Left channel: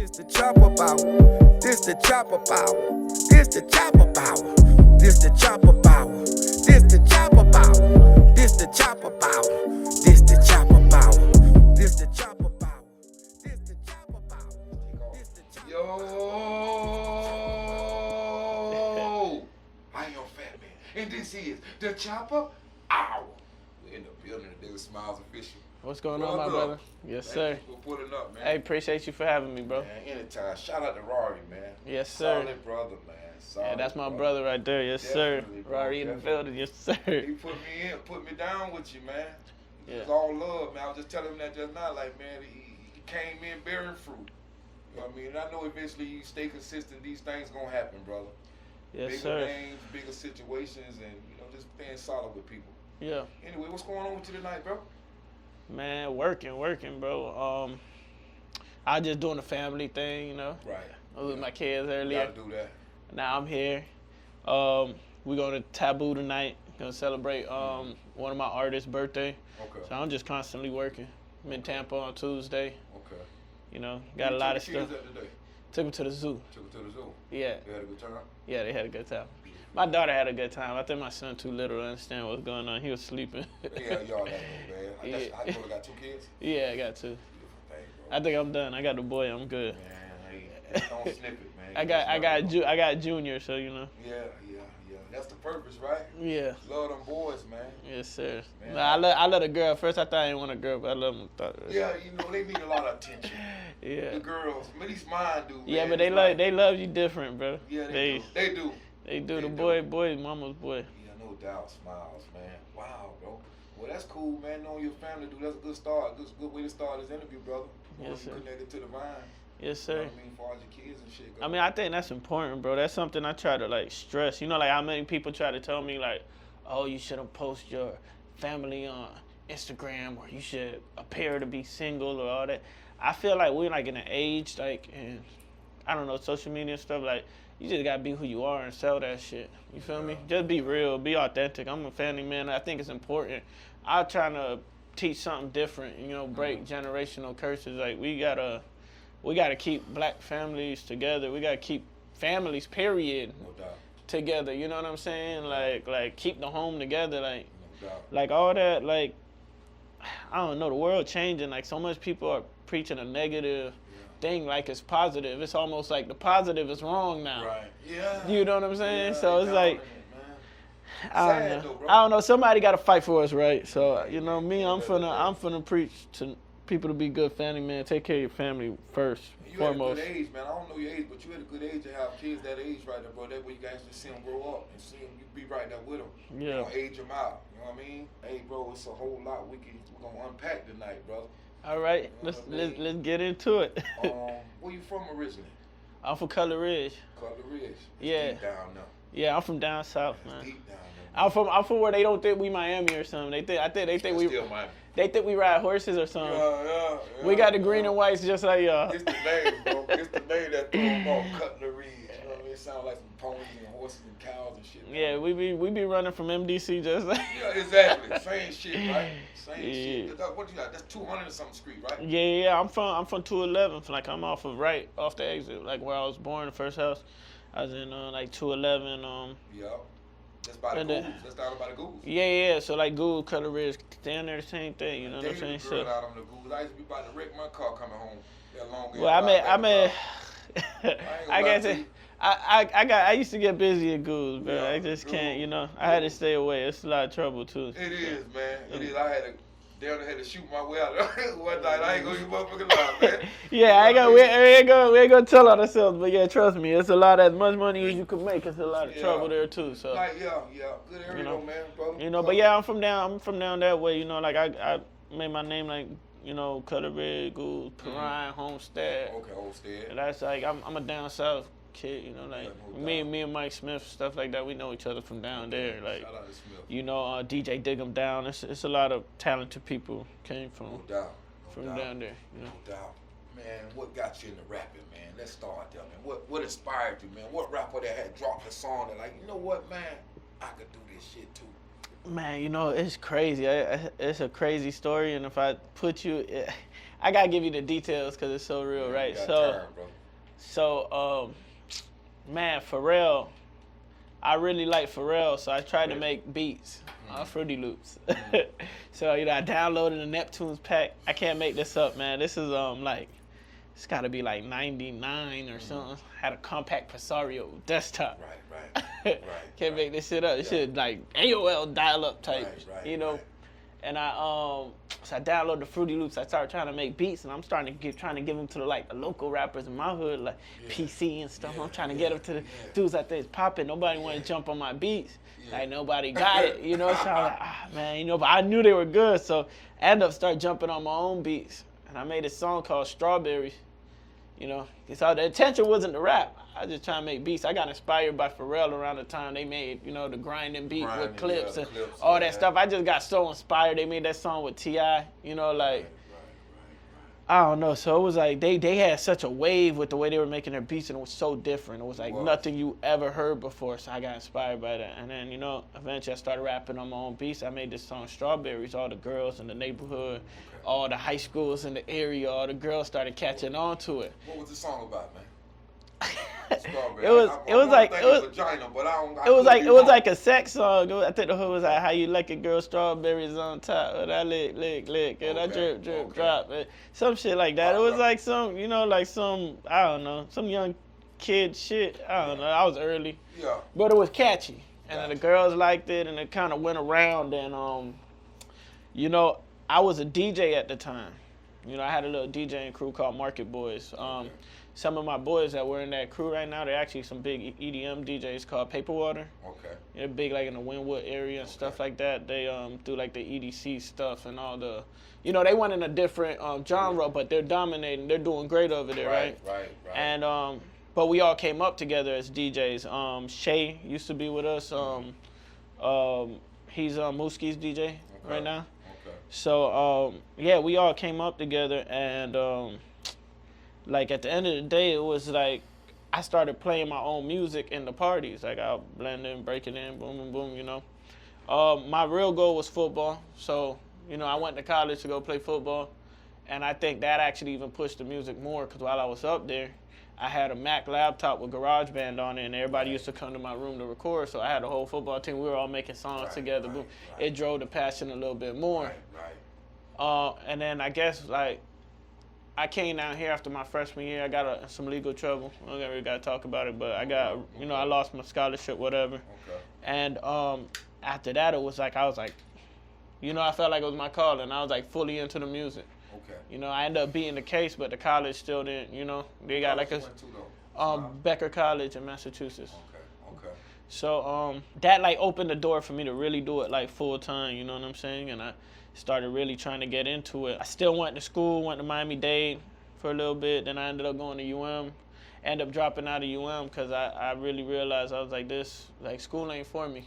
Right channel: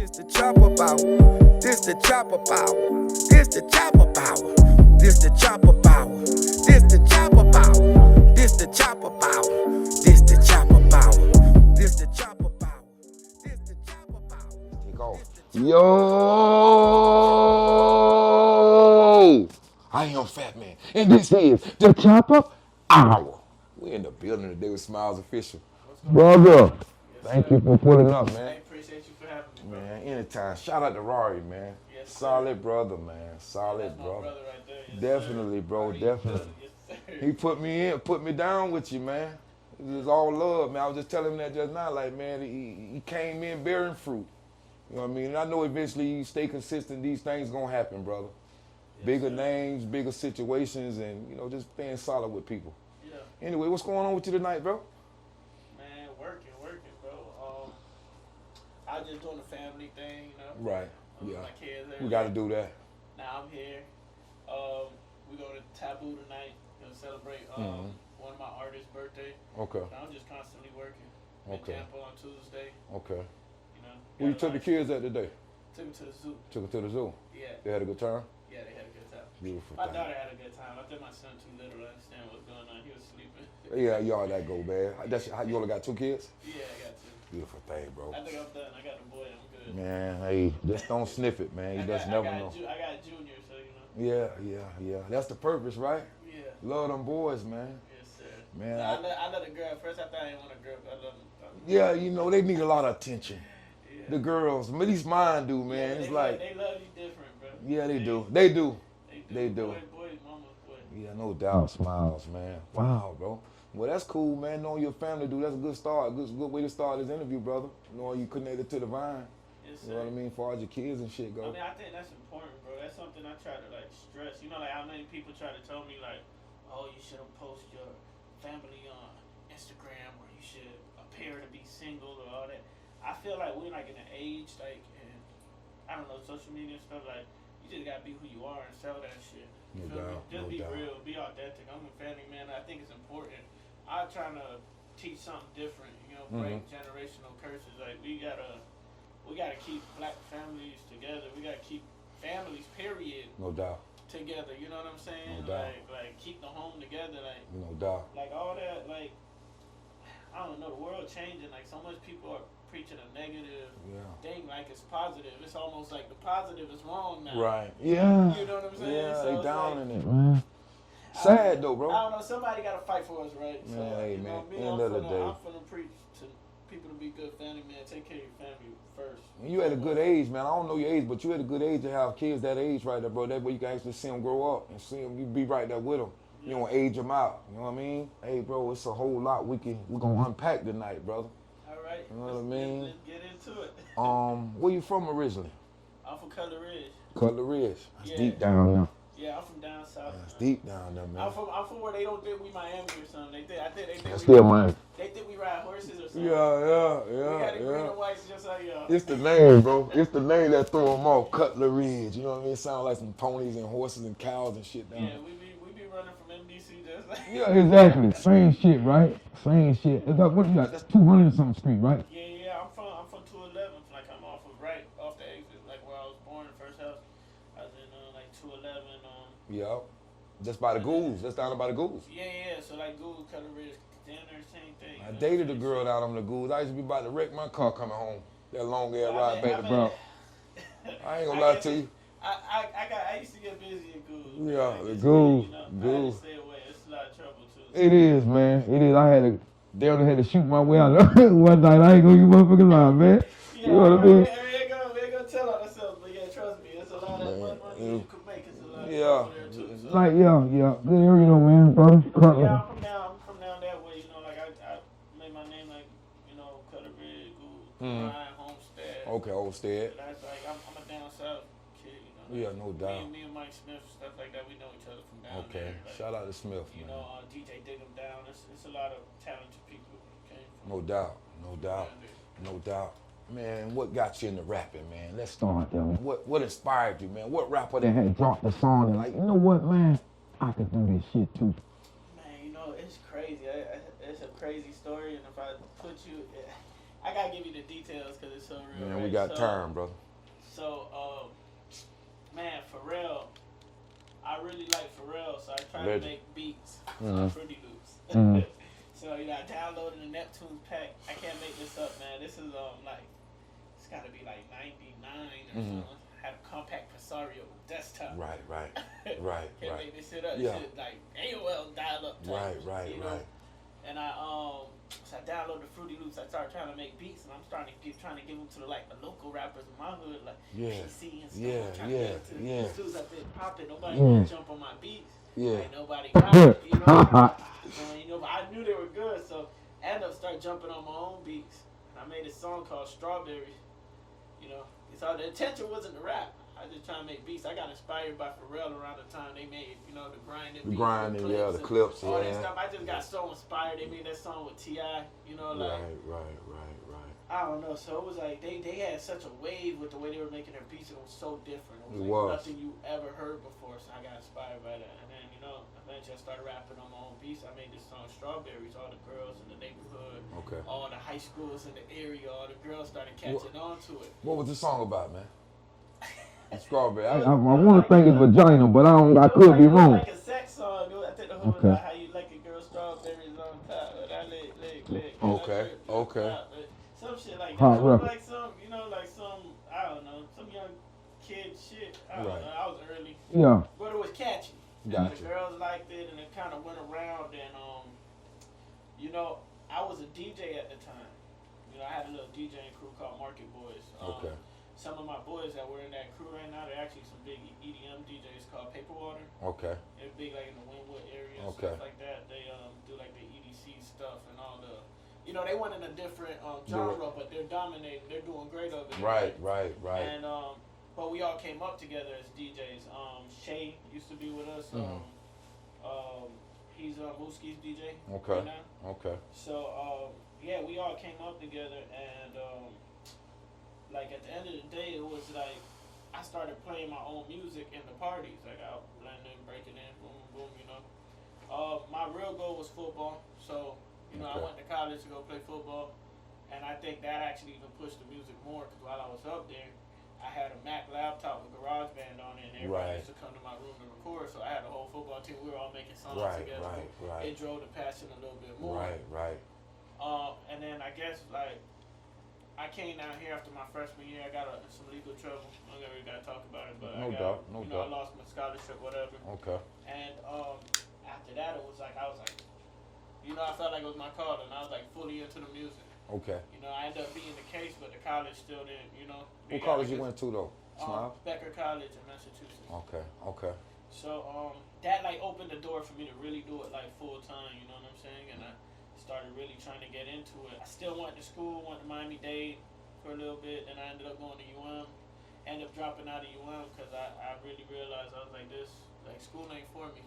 This the chopper power. This the chopper power. This the chopper power. This the chopper power. This the chopper power. This the chopper power. This the chopper power. This the chopper power. This the chopper power. Yo! I am Fat Man, and this is the Chopper Hour. We in the building today with Smiles Official. What's going on, brother? Yes, sir. Thank you for pulling up, man. Hey, appreciate you for having me, bro. Man, anytime. Shout out to Rory, man. Yes, sir. Solid brother, man. Solid. Yeah, that's my brother right there. Yes, Definitely, sir. bro. Rory in the building. Yes, sir. He put me in, put me down with you, man. It was all love, man. I was just telling him that just now, like, man, he came in bearing fruit. You know what I mean? And I know eventually you stay consistent, these things gonna happen, brother. Yes, bigger sir. names, bigger situations, and, you know, just staying solid with people. Yeah. Anyway, what's going on with you tonight, bro? Man, working, bro. I just doing the family thing, you know. Right. I was with my kids earlier. You gotta do that. Now I'm here. We're going to Taboo tonight. Gonna celebrate one of my artists' birthday. Okay. So I'm just constantly working. I'm in Tampa on Tuesday. Okay. You know, got a lot of took the kids stuff. out today? Took them to the zoo. Took them to the zoo? Yeah. They had a good time? Yeah, they had a good time. Beautiful. My daughter had a good time. I think my son too little to understand what's going on. He was sleeping. Yeah, y'all gotta go, man. Yeah. You only got 2 kids? Yeah, I got 2. Beautiful thing, bro. I think I'm done. I got the boy. I'm good. Man, hey, just don't sniff it, man. I got Junior, so you know. Yeah. That's the purpose, right? Yeah. Love them boys, man. Yes, sir. Man, I love a girl. First, I thought I didn't want a girl, but I love them. Yeah, you know, they need a lot of attention. Yeah. The girls, at least mine do, man. Yeah, but they love you different, bro. Yeah, they do. They do. The boy, mama's boy. Yeah, no doubt. Smiles, man. Wow, bro. Well, that's cool, man. Knowing your family, dude, that's a good start. Good way to start this interview, brother. Knowing you connected to the vine. Yes, sir. You know what I mean? As far as your kids and shit go. I mean, I think that's important, bro. That's something I try to, like, stress. You know, like, how many people try to tell me, like, oh, you shouldn't post your family on Instagram, or you should appear to be single, or all that. I feel like we're, like, in an age, like, and I don't know, social media and stuff, like, you just gotta be who you are and sell that shit. You feel me? Just be real, be authentic. I'm a family man. I think it's important. I'm trying to teach something different, you know, break generational curses. Like, we gotta keep black families together. We gotta keep families, period. No doubt. Together, you know what I'm saying? Like keep the home together, like no doubt. Like all that, like I don't know, the world changing, like so much people are preaching a negative thing like it's positive. It's almost like the positive is wrong now. Right. Yeah. You know what I'm saying? Yeah, so it's like sad though, bro. I don't know, somebody gotta fight for us, right? So yeah, you know me, I'm finna preach to people to be good family, man. Take care of your family first. You at a good age, man. I don't know your age, but you at a good age to have kids that age right there, bro. That way you can actually see them grow up and see them. You be right there with them. Yeah. You don't age them out. You know what I mean? Hey, bro, it's a whole lot we're gonna unpack tonight, brother. All right, You know what I mean? let's get into it. Where you from originally? I'm from Cutler Ridge. Cutler Ridge. That's Yeah. deep down there. Yeah, I'm from down south, That's man. deep down there, man. I'm from where they don't think we Miami or something. They think we still Miami. They think we ride horses or something. Yeah. We got the green and whites just like y'all. It's the name, bro. It's the name that threw them off. Cutler Ridge. You know what I mean? It sounds like some ponies and horses and cows and shit. Man. Yeah, we be running from MDC just like. Yeah, exactly. Same shit, right? Same shit. What you got? That's 200 and something street, right? Yeah. I'm from 211. Like I'm off the exit, like where I was born, the first house. I was in like 211. Yeah. That's by the Ghouls. That's down by the Ghouls. Yeah. So like Ghoul, Cutler Ridge, down there, the same thing. You know. I dated a girl out on the Ghouls. I used to be about to wreck my car coming home. That long ass. Well, I ain't gonna lie to you. I I used to get busy at Ghouls, man. Yeah, I just Ghouls, can't, you know. I had to Ghouls. stay away. It's a lot of trouble too. It is, man. It is. I had to shoot my way out one night. I ain't gonna get motherfucking lie, man. Yeah, You know we ain't gonna tell on ourselves, but yeah, trust me, it's a lot as much money as you can make. It's a lot of trouble there too. So like yeah, good area though, man, brother. you know, but yeah, I'm from down that way. You know, like I made my name like, you know, Cutler Ridge, Gould, Perrine, Homestead. Okay, Homestead. That's like I'm a down south kid. You know, like no me and Mike Smith, stuff like that. We know each other from down there. Like shout out to Smith. you know, DJ Dig 'em Down. It's a lot of talented people came from. No doubt. down there. You know? No doubt. Man, what got you into rapping, man? Let's start there, man. What inspired you, man? What rapper that had dropped a song and like, you know what, man? I could do this shit too. Man, you know, it's crazy. It's a crazy story, and if I put you, I gotta give you the details because it's so real, right? You got so, time, bro. So, man, Pharrell, I really like Pharrell, so I tried to make beats on Fruity Loops. So, you know, I downloaded the Neptune's pack. I can't make this up, man. This is, like, it's got to be like 99 or something. Had a compact Presario desktop. Right. Can't make this shit up. This shit like AOL dial-up type, you know. And so I downloaded the Fruity Loops. I started trying to make beats, and I'm trying to give them to the local rappers in my hood, like PC and stuff. I'm trying to get them to the dudes out there popping. Nobody want to jump on my beats. Like nobody got it, you know. So I'm like, man, you know. But I knew they were good, so I ended up start jumping on my own beats, and I made a song called Strawberries. You know, so the intention wasn't to rap. I was just trying to make beats. I got inspired by Pharrell around the time they made, you know, the grinding beat with clips and all that stuff. I just got so inspired. They made that song with T.I., you know, like, I don't know. So it was like they had such a wave with the way they were making their beats, and it was so different. It was like nothing you ever heard before. So I got inspired by that. And then, you know, eventually I started rapping on my own beats. I made this song Strawberries. All the girls in the neighborhood, all the high schools in the area, all the girls started catching on to it. What was the song about, man? Strawberry. It was like vagina, but I don't. It was like a sex song. I think the hook was like how you like a girl strawberries on top, and I lick, and I drip, drop, and some shit like that. It was like some, you know, like some, I don't know, some young kid shit. I don't know. I was early. Yeah. But it was catchy, and the girls liked it, and it kind of went around. And you know, I was a DJ at the time. You know, I had a little DJing crew called Market Boys. Some of my boys that were in that crew right now, they're actually some big EDM DJs called Paperwater. They're big like in the Wynwood area and stuff like that. They do like the EDC stuff and all the, you know, they went in a different genre, but they're dominating. They're doing great over there, right? And but we all came up together as DJs. Shay used to be with us. He's Mooskie's DJ right now. So yeah, we all came up together, and like at the end of the day, it was like I started playing my own music in the parties. Like I'll blend in, break it in, boom, boom, boom, you know. My real goal was football. So, you know, I went to college to go play football. And I think that actually even pushed the music more, because while I was up there, I had a Mac laptop with GarageBand on it, and everybody used to come to my room to record. So I had a whole football team. We were all making songs together. It drove the passion a little bit more. And then I guess, like, I came down here after my freshman year. I got some legal trouble. I don't really got to talk about it, but I got, you know, I lost my scholarship, whatever. And after that, it was like, I was like, you know, I felt like it was my calling. I was like fully into the music. You know, I ended up beating the case, but the college still didn't, you know. What college you went to, though? Becker College in Massachusetts. So that like opened the door for me to really do it like full time, you know what I'm saying? And I started really trying to get into it. I still went to school, went to Miami-Dade for a little bit. Then I ended up going to UM. Ended up dropping out of UM because I really realized I was like, this, like, school ain't for me.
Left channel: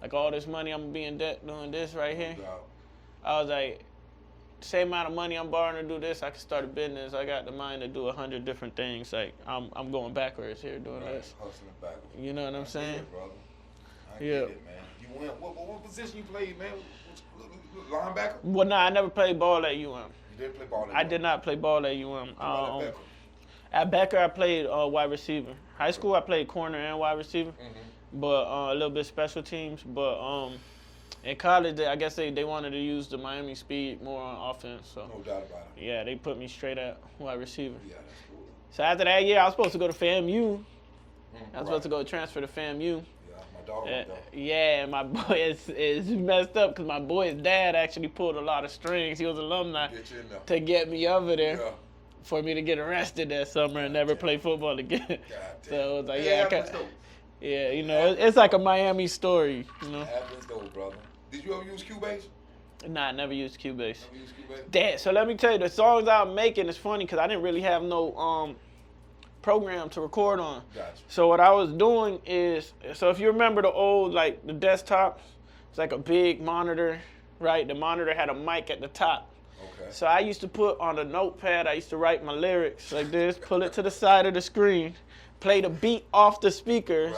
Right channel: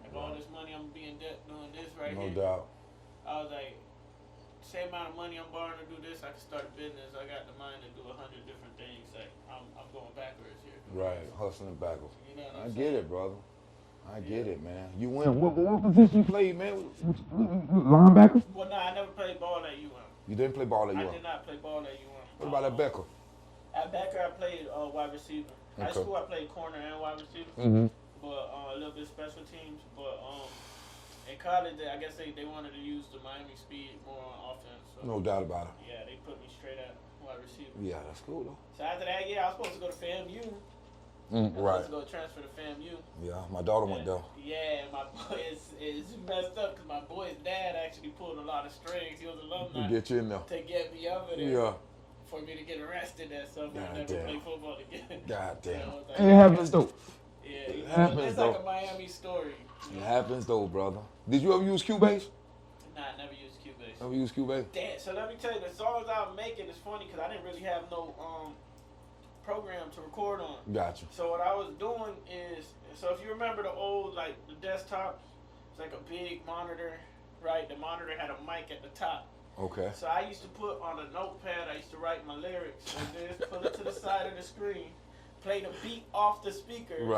Like all this money I'm gonna be in debt doing this here. I was like, same amount of money I'm borrowing to do this, I can start a business. I got the mind to do 100 different things. Like I'm going backwards here doing this. Hustling backwards. You know what I'm saying? I get it, brother. I get it, man. You win. What position you played, man? Linebacker? Well, no, I never played ball at UM. You didn't play ball at UM? I did not play ball at UM. What about at Becker? At Becker, I played wide receiver. High school, I played corner and wide receiver, but a little bit special teams. But in college, I guess they wanted to use the Miami speed more on offense. So. No doubt about it. Yeah, they put me straight at wide receiver. Yeah, that's cool. So after that year, I was supposed to go to FAMU. I was supposed to go transfer to FAMU. Yeah, my daughter went there. Yeah, my boy is messed up because my boy's dad actually pulled a lot of strings. He was alumni get you in there. To get me over there for me to get arrested that summer and never play football again. God damn. So it was like, It happens though. Yeah, you know, it's like a Miami story. You know? It happens though, brother. Did you ever use Cubase? Nah, I never used Cubase. Never used Cubase? Dad, so let me tell you, the songs I'm making is funny because I didn't really have no program to record on. Gotcha. So what I was doing is, so if you remember the old, like the desktop, it's like a big monitor, right? The monitor had a mic at the top. Okay. So I used to put on a notepad, I used to write my lyrics like this, pull it to the side of the screen, play the beat off the speakers,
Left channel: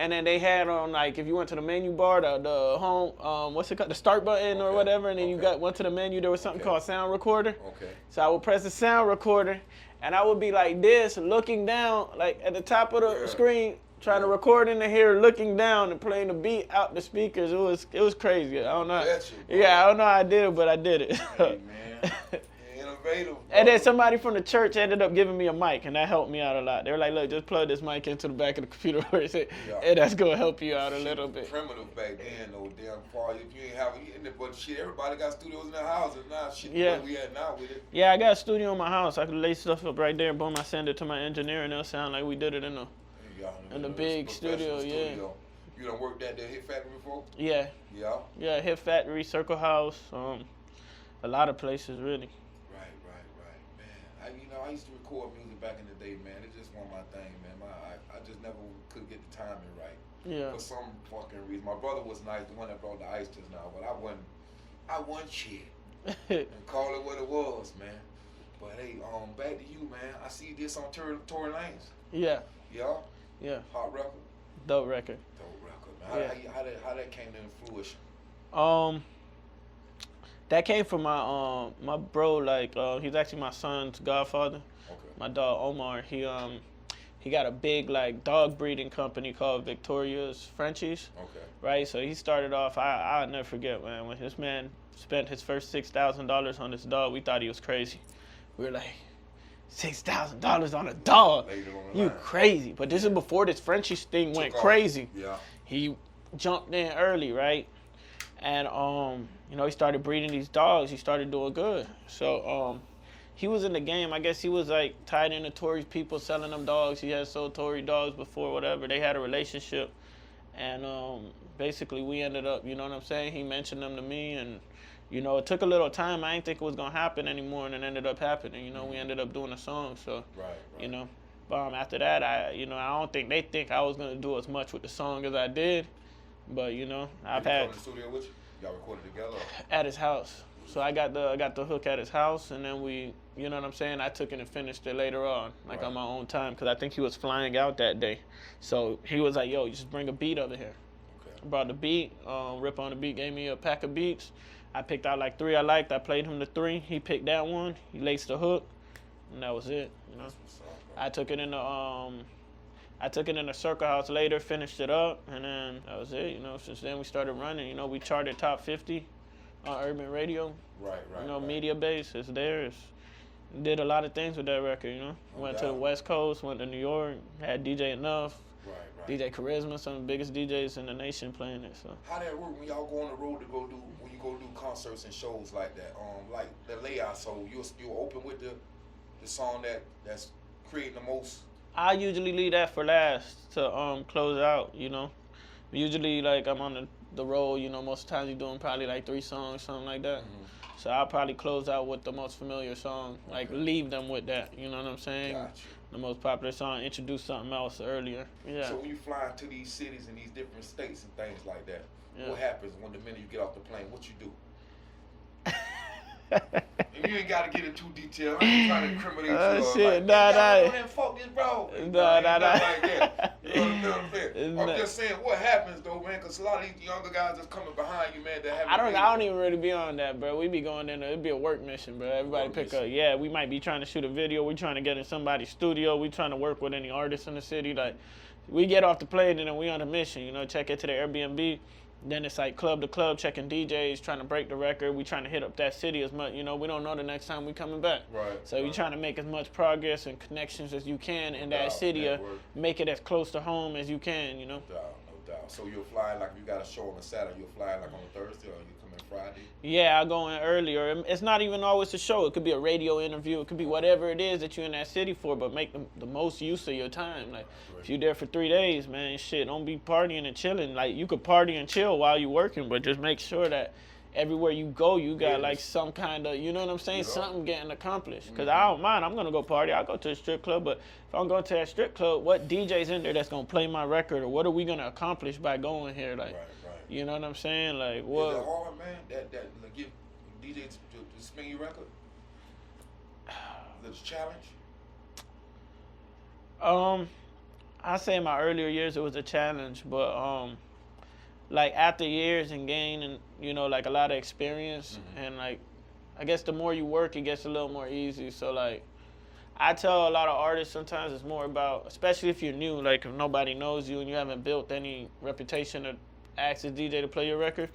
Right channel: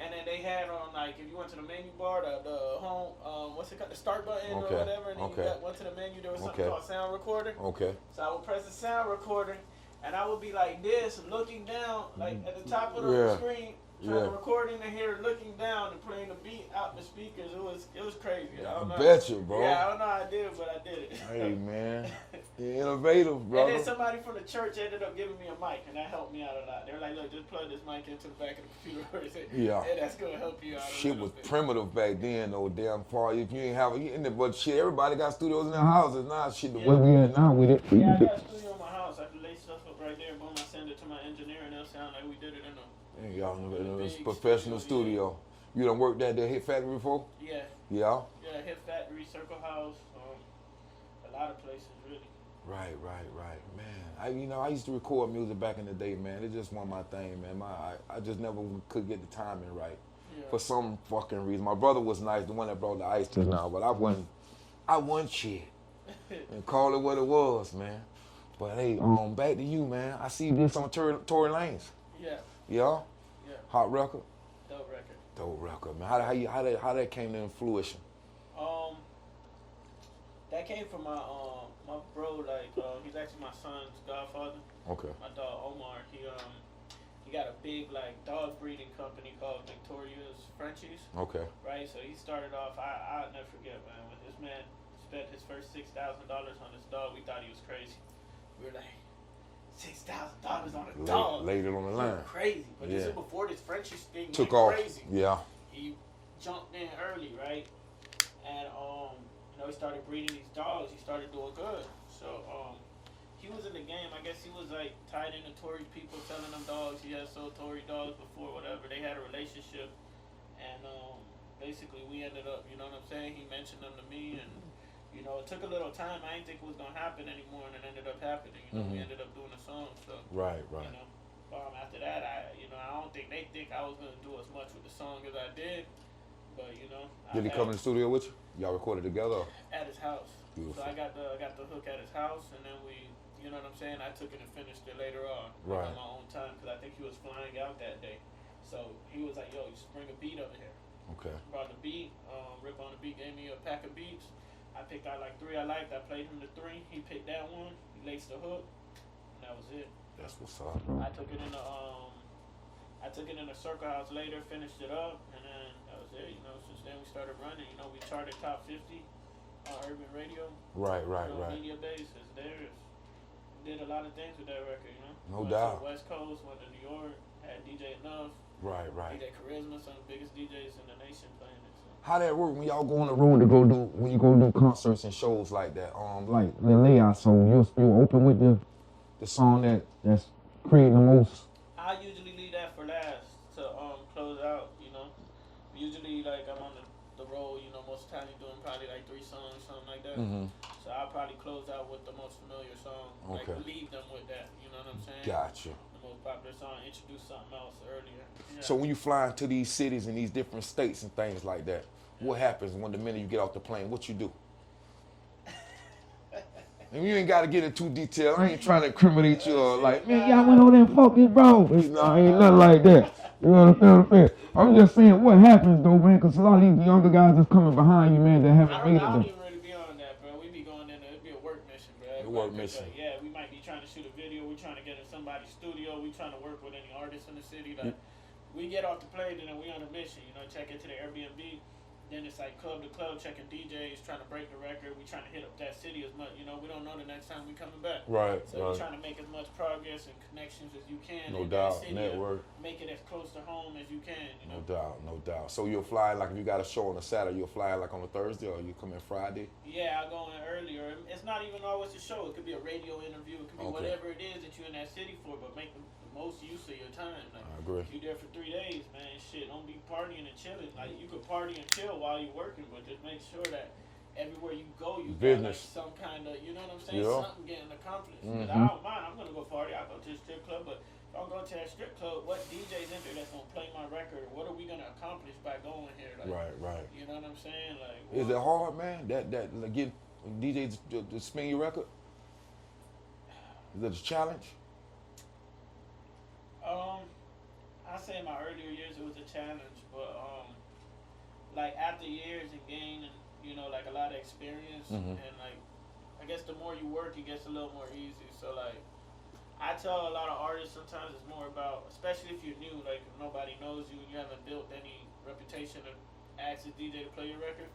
And then they had on like if you went to the menu bar, the home, what's it called, the start button or whatever, and then you went to the menu. There was something called sound recorder. Okay. So I would press the sound recorder, and I would be like this, looking down, like at the top of the screen, trying to record in the here, looking down and playing the beat out the speakers. It was crazy. I don't know. Betcha, bro. Yeah, I don't know how I did it, but I did it. Hey man, you're innovative, bro. And then somebody from the church ended up giving me a mic, and that helped me out a lot. They were like, "Look, just plug this mic into the back of the computer," and that's gonna help you out a little bit. Primitive back then, though. Damn far. If you ain't have it, but shit, everybody got studios in their houses now. Shit, Where we at now with it? Yeah, I got a studio in my house. I could lay stuff up right there. Boom, I send it to my engineer, and it'll sound like we did it in a. In the big professional studio. You done worked at the Hit Factory before? Yeah. Yeah? Yeah, Hit Factory, Circle House, a lot of places really. Right, man. I used to record music back in the day, man. It's just one of my thing, man. I just never could get the timing right. Yeah. For some fucking reason. My brother was nice, the one that brought the ice to now, but I wasn't shit. And call it what it was, man. But hey, back to you, man. I see you did some Tory Lanez. Yeah. Yeah? Yeah. Hot record? Dope record. Dope record, man. How that came to fruition? That came from my bro. Like he's actually my son's godfather. Okay. My dog Omar. He got a big like dog breeding company called Victoria's Frenchies. Okay. Right. So he started off. I'll never forget, man, when this man spent his first $6,000 on this dog. We thought he was crazy. We were like, $6,000 on a dog. Laid it on the line. You crazy. But this is before this Frenchies thing went crazy. Yeah. He jumped in early, right? And he started breeding these dogs. He started doing good. So he was in the game. I guess he was like tied into Tory's people selling them dogs. He had sold Tory dogs before, whatever. They had a relationship. And basically we ended up, you know what I'm saying? He mentioned them to me, and it took a little time. I didn't think it was gonna happen anymore, and it ended up happening. We ended up doing a song. So right. After that, I don't think they think I was gonna do as much with the song as I did, but Did he come to the studio with you? Y'all recorded together? At his house. Beautiful. So I got the hook at his house, and then we, you know what I'm saying? I took it and finished it later on, like on my own time, because I think he was flying out that day. So he was like, "Yo, you just bring a beat over here." Okay. Brought the beat. Rip on the beat gave me a pack of beats. I picked out like 3 I liked. I played him the 3. He picked that one. He laced the hook, and that was it. That's what's up. I took it in the Circle House later, finished it up, and then that was it. Since then we started running. We charted top 50 on urban radio. Right. Media base is there. Did a lot of things with that record. Went to the West Coast, went to New York, had DJ Enough. Right. DJ Charisma, some of the biggest DJs in the nation playing it. So how that work when y'all go on the road to when you go do concerts and shows like that? Like the layout, so you open with the song that's creating the most. I usually leave that for last to close out. Usually like I'm on the road. Most of the time you're doing probably like 3 songs, something like that. Mm-hmm. So I'll probably close out with the most familiar song, like leave them with that. You know what I'm saying? Gotcha. The most popular song, introduce something else earlier. Yeah. So when you fly into these cities and these different states and things like that, what happens when the minute you get off the plane? What you do? And you ain't got to get it too detailed. I ain't trying to incriminate you. Like, y'all know that focus, bro. Ain't nothing like that. You know what I'm saying? I'm just saying what happens, though, man, because a lot of these younger guys that's coming behind you, man, that have I don't even really be on that, bro. We be going in there. It'd be a work mission, bro. Everybody pick up. Yeah, we might be trying to shoot a video. We trying to get in somebody's studio. We trying to work with any artists in the city. Like, we get off the plane and then we on a mission, check into the Airbnb. Then it's like club to club, checking DJs, trying to break the record. We trying to hit up that city as much. We don't know the next time we coming back. Right. So you're trying to make as much progress and connections as you can in that city. Make it as close to home as you can. No doubt. So you'll fly like if you got a show on a Saturday, you'll fly like on a Thursday, or you come in Friday. Yeah, I go in earlier. It's not even always a show. It could be a radio interview. It could be whatever it is that you're in that city for. But make the most use of your time. Like if you're there for 3 days, man, shit, don't be partying and chilling. Like you could party and chill while you're working, but just make sure that everywhere you go, you got like some kind of, you know what I'm saying, something getting accomplished. Because I don't mind. I'm gonna go party. I'll go to a strip club, but if I'm going to that strip club, what DJ's in there that's gonna play my record, or what are we gonna accomplish by going here? Like, right. You know what I'm saying? Like, what? Is it hard, man? That like, give DJs to spin your record? Is it a challenge? I say in my earlier years it was a challenge, but like after years and gaining, you know, like a lot of experience, and like I guess the more you work, it gets a little more easy. So like I tell a lot of artists sometimes it's more about, especially if you're new, like if nobody knows you and you haven't built any reputation to ask a DJ to play your record,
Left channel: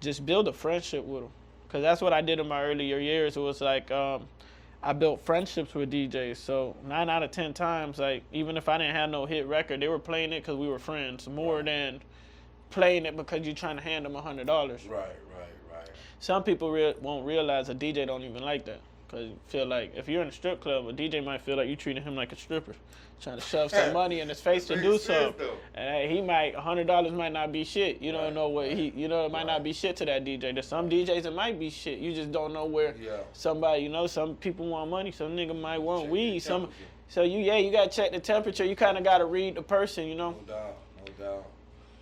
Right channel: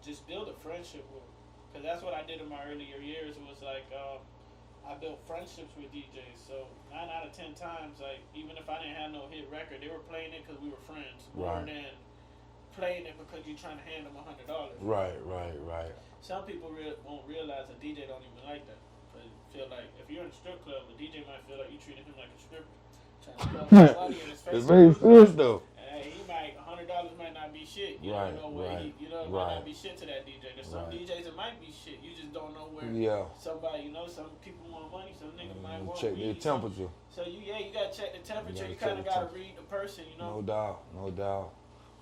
just build a friendship with them. Because that's what I did in my earlier years. It was like I built friendships with DJs. So 9 out of 10 times, like even if I didn't have no hit record, they were playing it because we were friends more than playing it because you're trying to hand them $100. Right. Some people won't realize a DJ don't even like that. Because you feel like if you're in a strip club, a DJ might feel like you treating him like a stripper, trying to shove some money in his face to do something. Though. And he might, $100 might not be shit. You don't know what it might not be shit to that DJ. There's some DJs it might be shit. You just don't know where somebody, you know, some people want money, some nigga might want weed. So you gotta check the temperature. You kind of gotta read the person, you know. No doubt.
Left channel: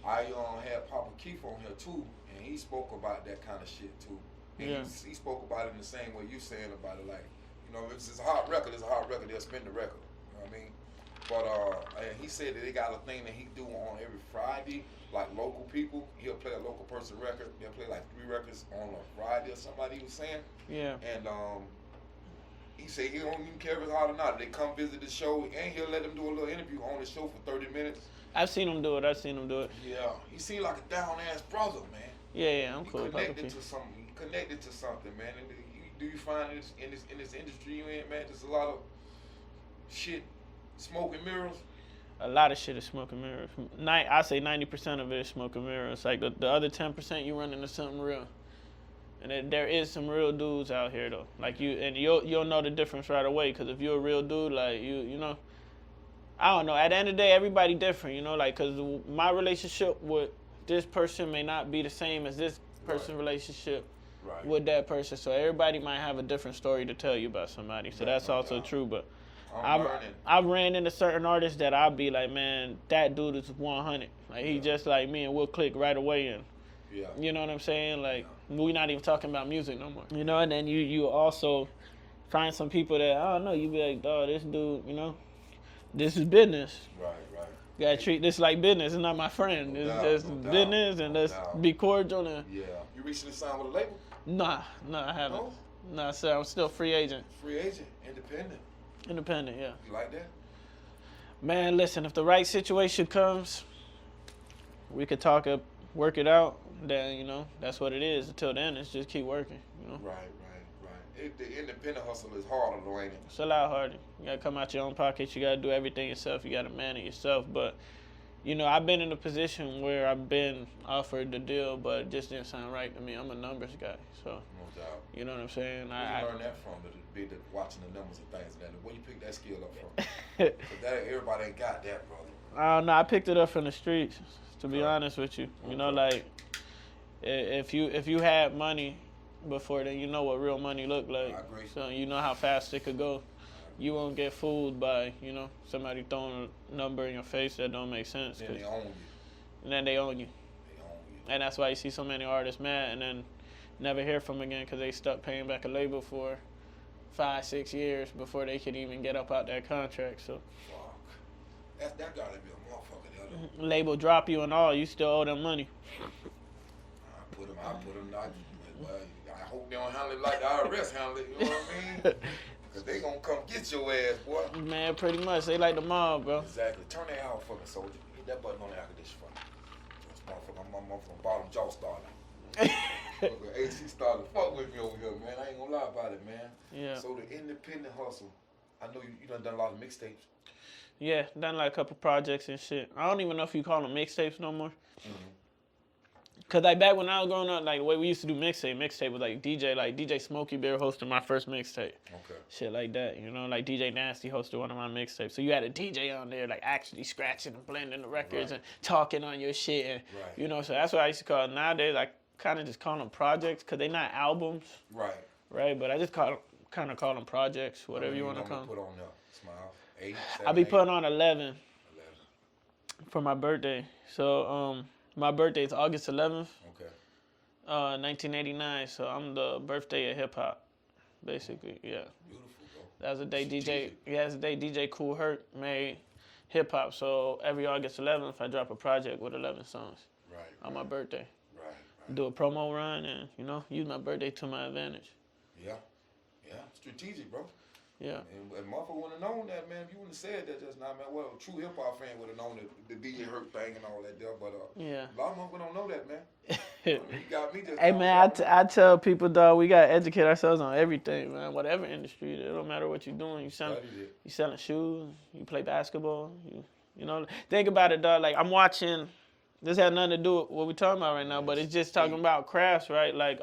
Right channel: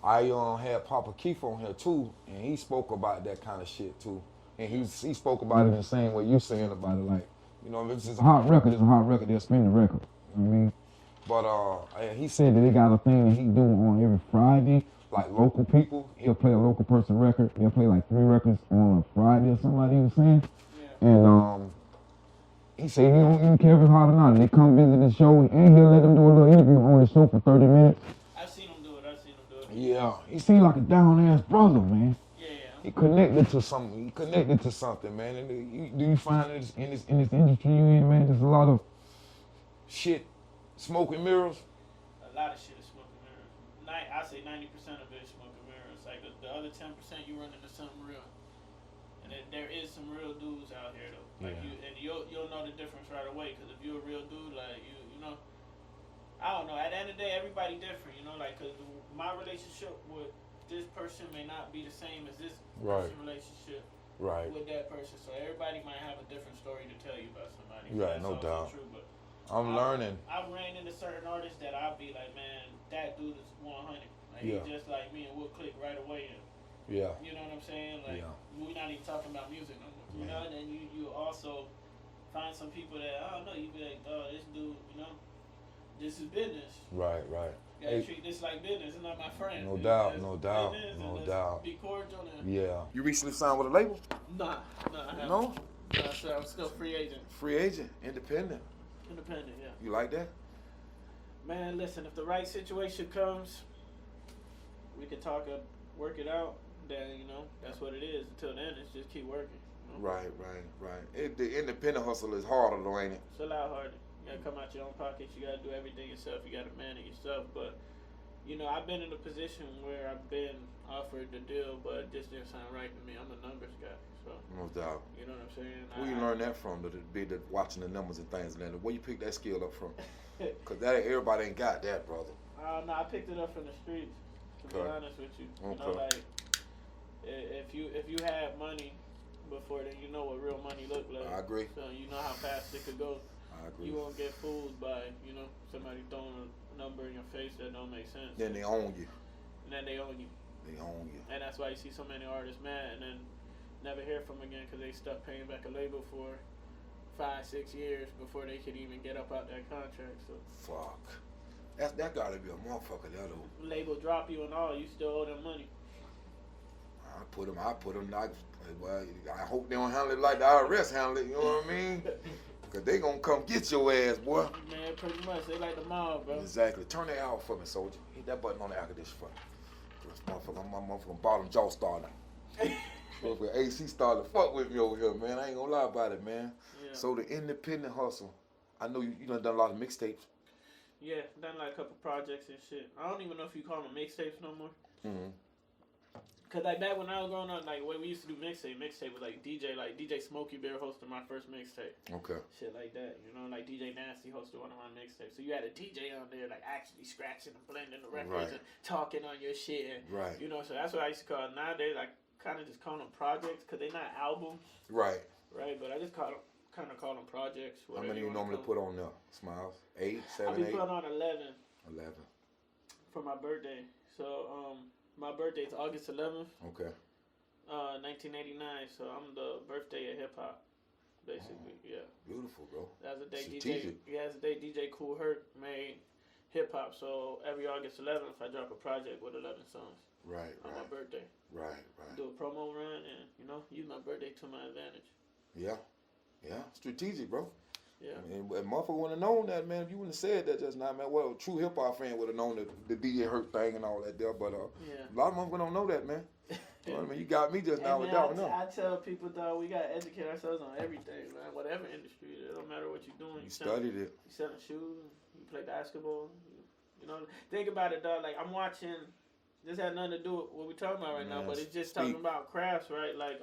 I had Papa Keith on here too, and he spoke about that kind of shit too. And he spoke about it in the same way you saying about it, like, you know, if it's a hot record, it's a hot record, they'll spin the record. You know what I mean? But he said that they got a thing that he do on every Friday, like local people. He'll play a local person record. They'll play like 3 records on a Friday or something like he was saying. Yeah. And he said he don't even care if it's hot or not. They come visit the show, and he'll let them do a little interview on the show for 30 minutes. I've seen him do it. Yeah, he seemed like a down-ass brother, man. Yeah, He connected to something. Man. And do you find this in this industry you in, man? There's a lot of shit, smoke and mirrors. A lot of shit is smoke and mirrors. I say 90% of it is smoke and mirrors. Like the other 10%, you run into something real. And there is some real dudes out here though. Like you'll know the difference right away. Cause if you're a real dude, like you know. I don't know. At the end of the day, everybody different, you know, like, because my relationship with this person may not be the same as this person's relationship with that person. So everybody might have a different story to tell you about somebody. So that's also true. But I'm learning. I ran into certain artists that I'll be like, man, that dude is 100. Like, he just like me, and we'll click right away. And you know what I'm saying? Like, we're not even talking about music no more. You know, and then you also find some people that, I don't know, you be like, dog, this dude, you know. This is business. Right. You gotta treat this like business. It's not my friend. It's just business, and let's be cordial. And You recently signed with a label? Nah, I haven't. No, sir. I'm still free agent. Free agent, independent. Independent, yeah. You like that? Man, listen. If the right situation comes, we could work it out. Then you know that's what it is. Until then, it's just keep working. You know? Right. The independent hustle is harder though, ain't it? It's a lot harder. You gotta come out your own pocket. You gotta do everything yourself. You gotta man it yourself. But you know, I've been in a position where I've been offered the deal, but it just didn't sound right to me. I'm a numbers guy, so no doubt. You know what I'm saying? Where you learn that from? Watching the numbers and things, and then where you pick that skill up from? Because everybody ain't got that, brother. I don't know. I picked it up from the streets. To be honest with you, you know, like if you had money before then, you know what real money look like. I agree. So you know how fast it could go. You won't get fooled by, you know, somebody throwing a number in your face that don't make sense. Then they own you. And then they own you. And that's why you see so many artists mad and then never hear from them again because they stuck paying back a label for 5-6 years before they could even get up out that contract. So fuck. That gotta be a motherfucker the other. Label drop you and all, you still owe them money. I put them well, I hope they don't handle it like the IRS handle it, you know what I mean? Because they gonna come get your ass, boy. Man, pretty much. They like the mob, bro. Exactly. Turn that out for me, soldier. Hit that button on the air conditioner for me. This motherfucker, I'm motherfucking bottom jaw starter. AC started to fuck with me over here, man. I ain't gonna lie about it, man. Yeah. So the independent hustle, I know you done a lot of mixtapes. Yeah, done like a couple projects and shit. I don't even know if you call them mixtapes no more. Cause like back when I was growing up, like the way we used to do mixtape was like DJ Smokey Bear hosted my first mixtape. Okay. Shit like that, you know, like DJ Nasty hosted one of my mixtapes. So you had a DJ on there like actually scratching and blending the records and talking on your shit and you know, so that's what I used to call it. Nowadays I kind of just call them projects because they're not albums. Right. But I just kind of call them projects, whatever you want to call them. Put on there, Smiles, 8, 7, I be 8. putting on 11 for my birthday. So my birthday is August 11th. Okay. 1989. So I'm the birthday of hip hop, basically. Yeah. Beautiful, bro. That was the day DJ. Yeah, that's the day DJ Cool Herc made hip hop. So every August 11th, I drop a project with 11 songs on my birthday. Right. Do a promo run and, you know, use my birthday to my advantage. Yeah. Strategic, bro. Yeah. And motherfucker would have known that, man. If you wouldn't have said that just now, man, well, a true hip hop fan would have known the DJ Hurt thing and all that there. But a lot of motherfuckers don't know that, man. I mean, you got me just. Hey man, I tell people, dog, we gotta educate ourselves on everything, man. Whatever industry, it don't matter what you're doing. You selling shoes, you play basketball. You know, think about it, dog. Like I'm watching. This has nothing to do with what we're talking about right now, but it's just talking about crafts, right? Like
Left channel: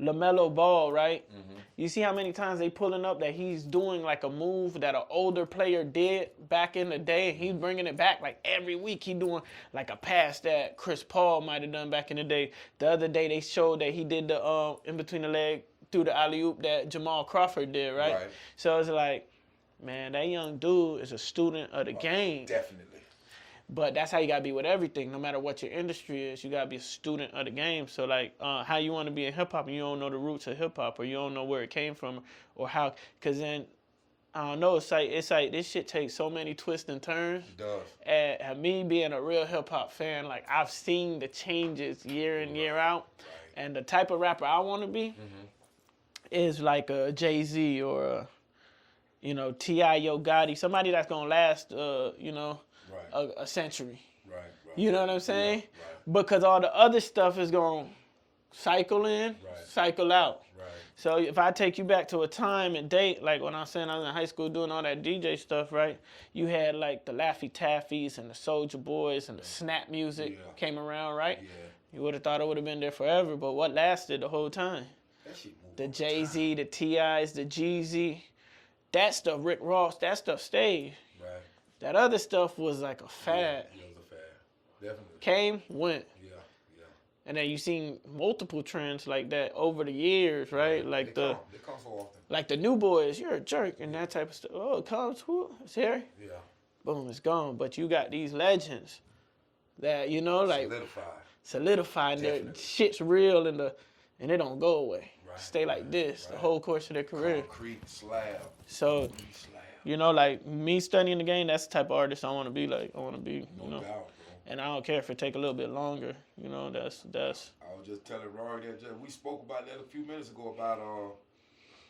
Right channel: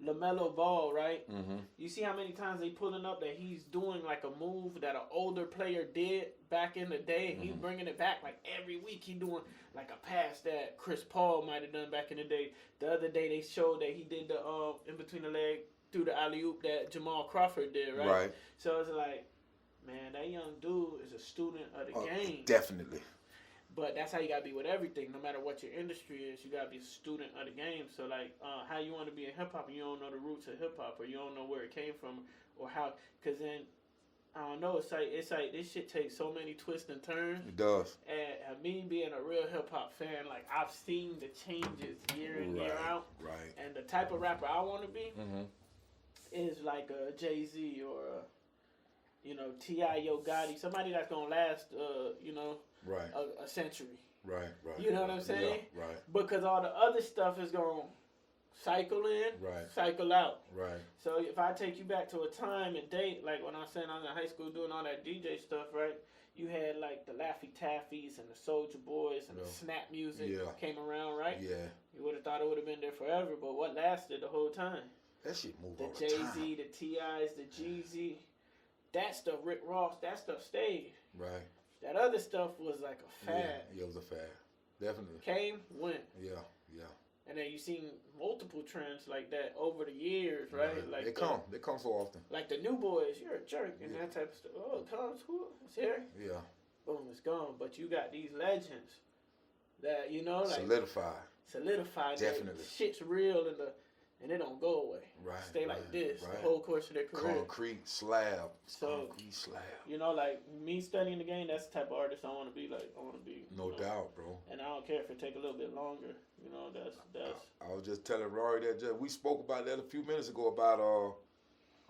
LaMelo Ball, right? Mm-hmm. You see how many times they pulling up that he's doing like a move that an older player did back in the day, and he's bringing it back like every week. He doing like a pass that Chris Paul might have done back in the day. The other day they showed that he did the in between the leg through the alley-oop that Jamal Crawford did, right? So it's like, man, that young dude is a student of the game. Definitely. But that's how you gotta be with everything. No matter what your industry is, you gotta be a student of the game. So like, how you want to be in hip hop and you don't know the roots of hip hop, or you don't know where it came from, or how? Cause then I don't know. It's like this shit takes so many twists and turns. It does. And me being a real hip hop fan, like I've seen the changes year in year out. Right. And the type of rapper I want to be is like a Jay-Z or a, you know, T.I. Yo Gotti, somebody that's gonna last, you know. Right. A century. Right. You know what I'm saying? Yeah, right. Because all the other stuff is going to cycle in, cycle out. Right. So if I take you back to a time and date, like when I was saying I was in high school doing all that DJ stuff, right? You had like the Laffy Taffies and the Soulja Boys and the snap music came around, right? Yeah. You would have thought it would have been there forever, but what lasted the whole time? That shit moved. The Jay-Z, the T.I.s, the Jeezy, that stuff, Rick Ross, that stuff stayed. Right. That other stuff was like a fad. Yeah, it was a fad. Definitely. Came, went. Yeah. And then you seen multiple trends like that over the years, right? Yeah, like they come so often. Like the New Boys, you're a jerk, and that type of stuff. Oh, it comes, it's here. Yeah. Boom, it's gone. But you got these legends that, you know, like solidified. That shit's real and it don't go away. Right. Stay like this the whole course of their career. Concrete slab. So. You know, like me studying the game, that's the type of artist I want to be like. I want to be, no doubt, bro. And I don't care if it take a little bit longer. You know, that's. I was just telling Rory that we spoke about that a few minutes ago about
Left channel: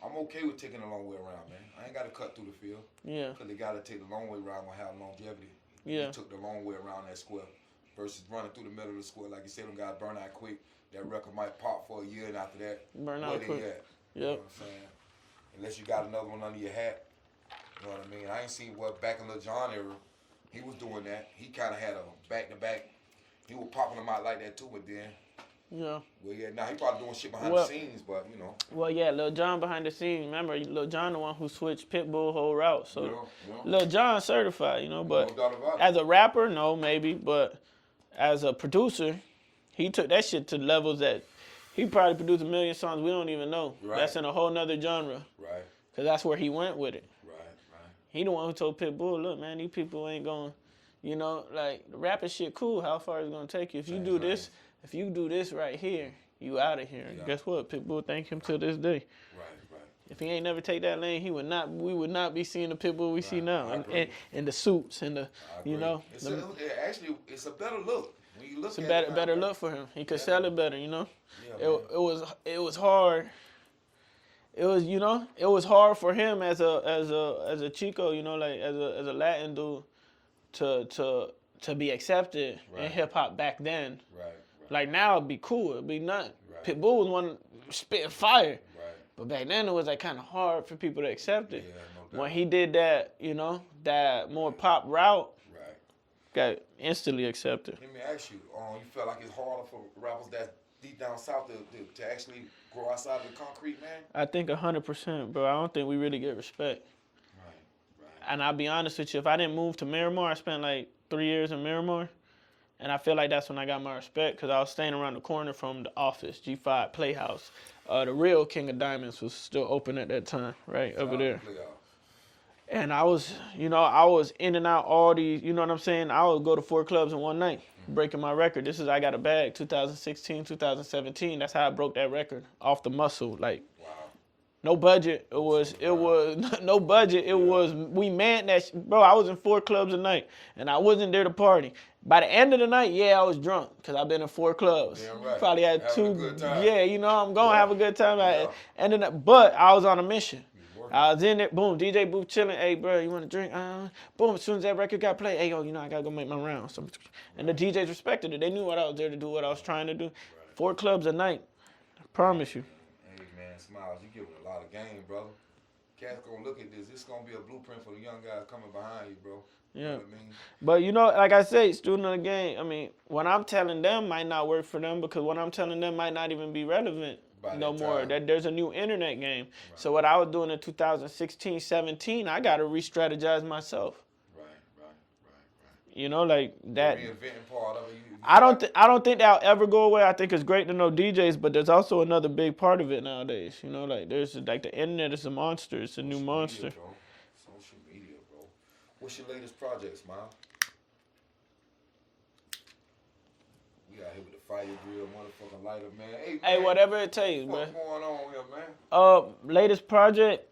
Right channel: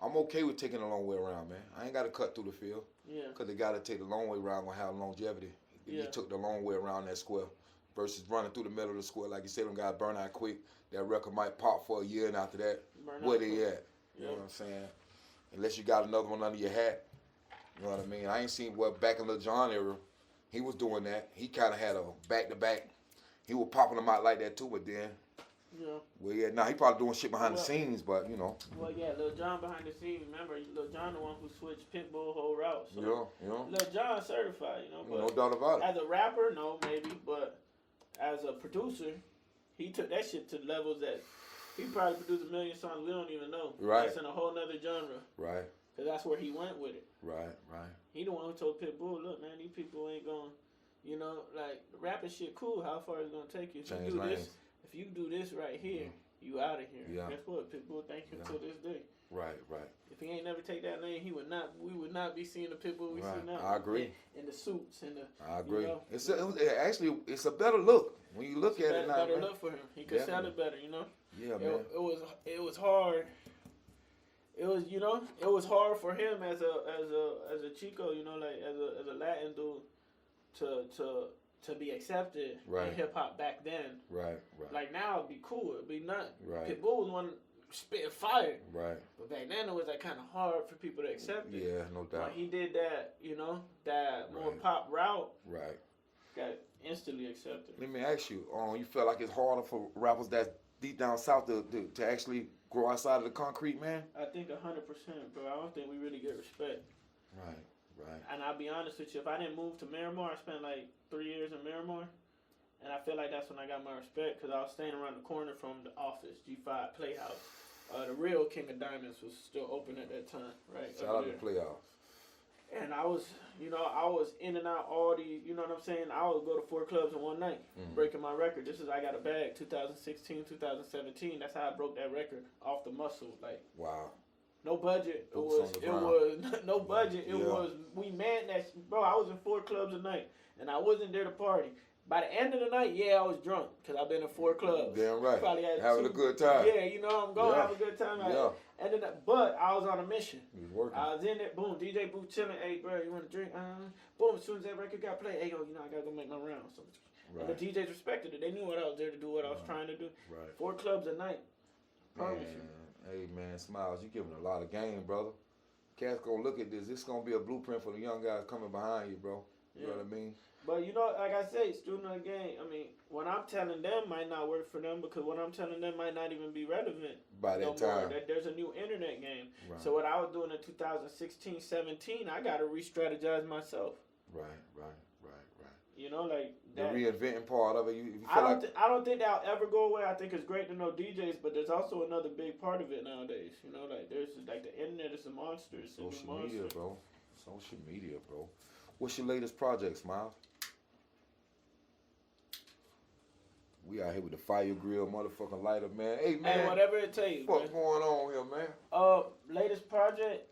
I'm okay with taking a long way around, man. I ain't got to cut through the field. Yeah. Because they got to take the long way around will have longevity. Yeah. He took the long way around that square versus running through the middle of the square. Like you said, them guys burn out quick. That record might pop for a year, and after that, where they at? You know what I'm saying? Unless you got another one under your hat. You know what I mean? I ain't seen back in Lil Jon era, he was doing that. He kind of had a back-to-back. He was popping them out like that too, but then. Yeah. Well, yeah, he probably doing shit behind the scenes, but, you know. Well, yeah, Lil Jon behind the scenes. Remember, Lil Jon the one who switched Pitbull whole route. So, Lil Jon certified, you know, but no doubt about it. As a rapper, no, maybe, but as a producer, he took that shit to levels that he probably produced 1 million songs we don't even know. Right. That's in a whole nother genre. Right. Because that's where he went with it. Right. He the one who told Pitbull, look, man, these people ain't going, you know, like, the rapping shit cool. How far is it going to take you? If you do this right here, you out of here. Yeah. And guess what? Pitbull thank him to this day. Right. If he ain't never take that lane, we would not be seeing the Pitbull we see now. And the suits and the, you know. It's a better look. When you look at it. It's a better look for him. He could sell it better, you know. Yeah, it was hard. It was, you know, it was hard for him as a Chico, you know, like as a Latin dude to be accepted in hip hop back then. Right. Like now it'd be cool, it'd be nothing. Right. Pitbull was one spitting fire. Right. But back then it was like kind of hard for people to accept it. Yeah, no doubt. When he did that, you know, that more pop route. Right. Got instantly accepted. Let me ask you, you feel like it's harder for rappers that deep down south to actually grow outside of the concrete, man? I think 100%, bro. I don't think we really get respect. Right. And I'll be honest with you, if I didn't move to Miramar, I spent like 3 years in Miramar, and I feel like that's when I got my respect because I was staying around the corner from the Office, G5 Playhouse. The real King of Diamonds was still open at that time, right, over there. Playhouse. And I was in and out all these, you know what I'm saying? I would go to 4 clubs in one night, breaking my record. This is I Got a Bag, 2016, 2017. That's how I broke that record off the muscle. Like, wow. No budget. It was no budget. It was we manned that. Bro, I was in 4 clubs a night, and I wasn't there to party. By the end of the night, I was drunk because I've been in 4 clubs. Damn right. Probably had Having 2. a good time. Yeah, you know I'm gonna have a good time. Yeah. But I was on a mission. working. I was in there, boom, DJ booth chilling. Hey, bro, you want to drink? Boom, as soon as that record got played, hey, yo, I got to go make my rounds. So, and the DJs respected it. They knew what I was there to do, what I was trying to do. 4 clubs a night. I promise you. Hey, man, Smiles, you giving a lot of game, brother. Cats gonna look at this. This gonna be a blueprint for the young guys coming behind you, bro. Yeah. You know what I mean? But, you know, like I say, student of the game, I mean, what I'm telling them might not work for them because what I'm telling them might not even be relevant no more. That there's a new internet game. Right. So what I was doing in 2016, 17, I got to re-strategize myself. Right. You know, like that. The reinventing part of it. I don't think that'll ever go away. I think it's great to know DJs, but there's also another big part of it nowadays. You know, like there's like the internet is a monster. It's a new monster. Media, bro. Social media, bro. What's your latest project, Smile? We out here with the fire grill, motherfucking lighter, man. Hey, man. Hey, whatever it takes, man. What's going on here, man? Latest project.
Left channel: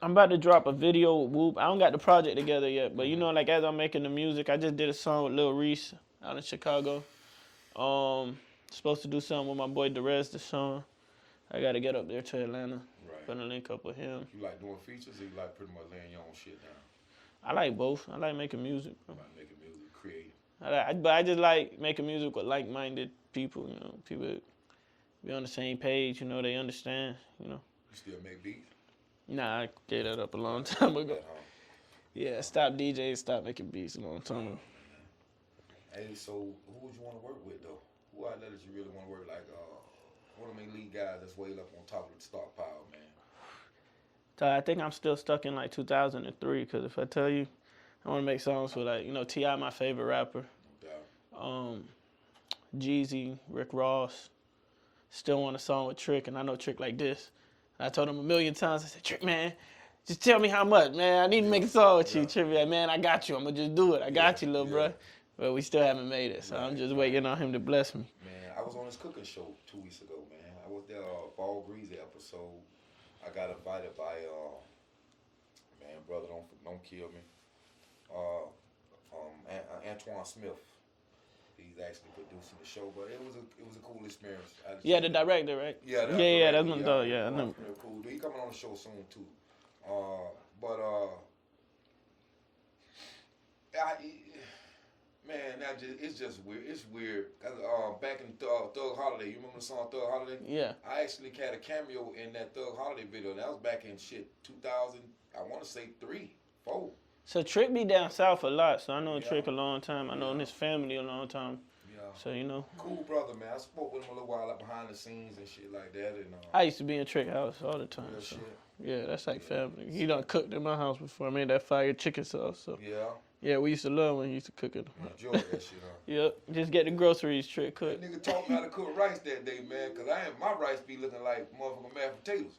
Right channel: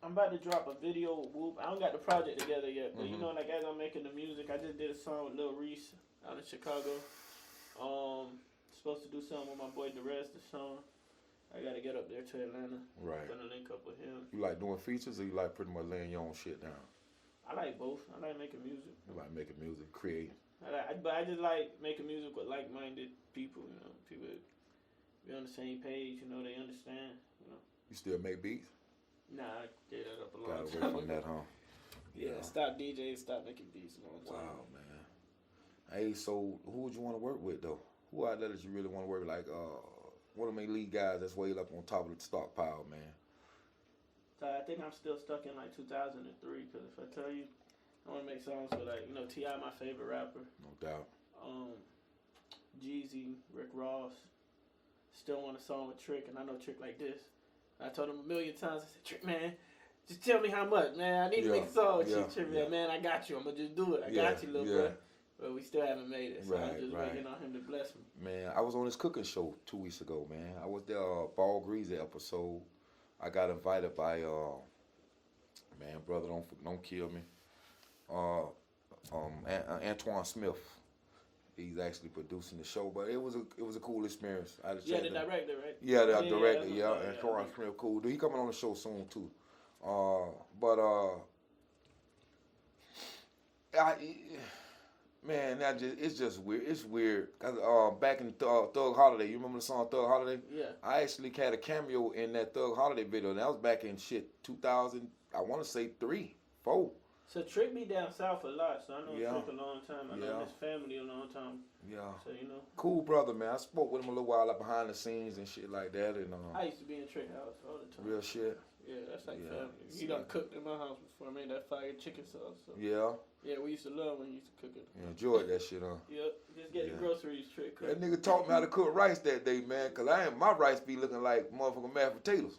I'm about to drop a video with Whoop. I don't got the project together yet, but you know, like as I'm making the music, I just did a song with Lil Reese out in Chicago. Supposed to do something with my boy Derez Deshaun. I got to get up there to Atlanta. Right. Gonna link up with him. You like doing features, or you like pretty much laying your own shit down? I like both. I like making music. I like making music, creating. But I just like making music with like-minded people. You know, people be on the same page. You know, they understand. You know. You still make beats? Nah, I gave that up a long time ago. That, huh? Yeah, stop DJing, stop making beats a long time. Oh, man. Hey, so who would you want to work with, though? Who out there that you really want to work with? Like, one of my lead guys that's way up on top of the stockpile, man. So I think I'm still stuck in like 2003, because if I tell you, I want to make songs with like, you know, T.I. my favorite rapper. No doubt. Jeezy, Rick Ross. Still want a song with Trick, and I know Trick like this. I told him a million times, I said, Trick, man, just tell me how much, man. I need to make a song with you. Trick, man, I got you. I'm going to just do it. I got you, little bro. But we still haven't made it, so I'm just waiting on him to bless me. Man, I was on this cooking show 2 weeks ago, man. I was there, Ball Greasy episode. I got invited by, man, brother, don't kill me. Antoine Smith. He's actually producing the show, but it was a cool experience. Yeah, the director, right? Yeah, that's my dog. Yeah, Antoine's real cool. He coming on the show soon too. Man, it's just weird. It's weird. Cause back in Thug Holiday, you remember the song Thug Holiday? Yeah. I actually had a cameo in that Thug Holiday video. And that was back in 2000. I want to say 3, 4. So Trick be down south a lot, so I know Trick a long time. I know his family a long time. Yeah. So, you know. Cool brother, man. I spoke with him a little while like behind the scenes and shit like that. And I used to be in Trick house all the time. Real shit. Yeah, that's like family. He done cooked in my house before. I made that fire chicken sauce. So. Yeah. Yeah, we used to love when he used to cook it. Enjoy that shit, huh? Yep. Just get the groceries, Trick cook. That nigga taught me how to cook rice that day, man, because my rice be looking like motherfucking mashed potatoes.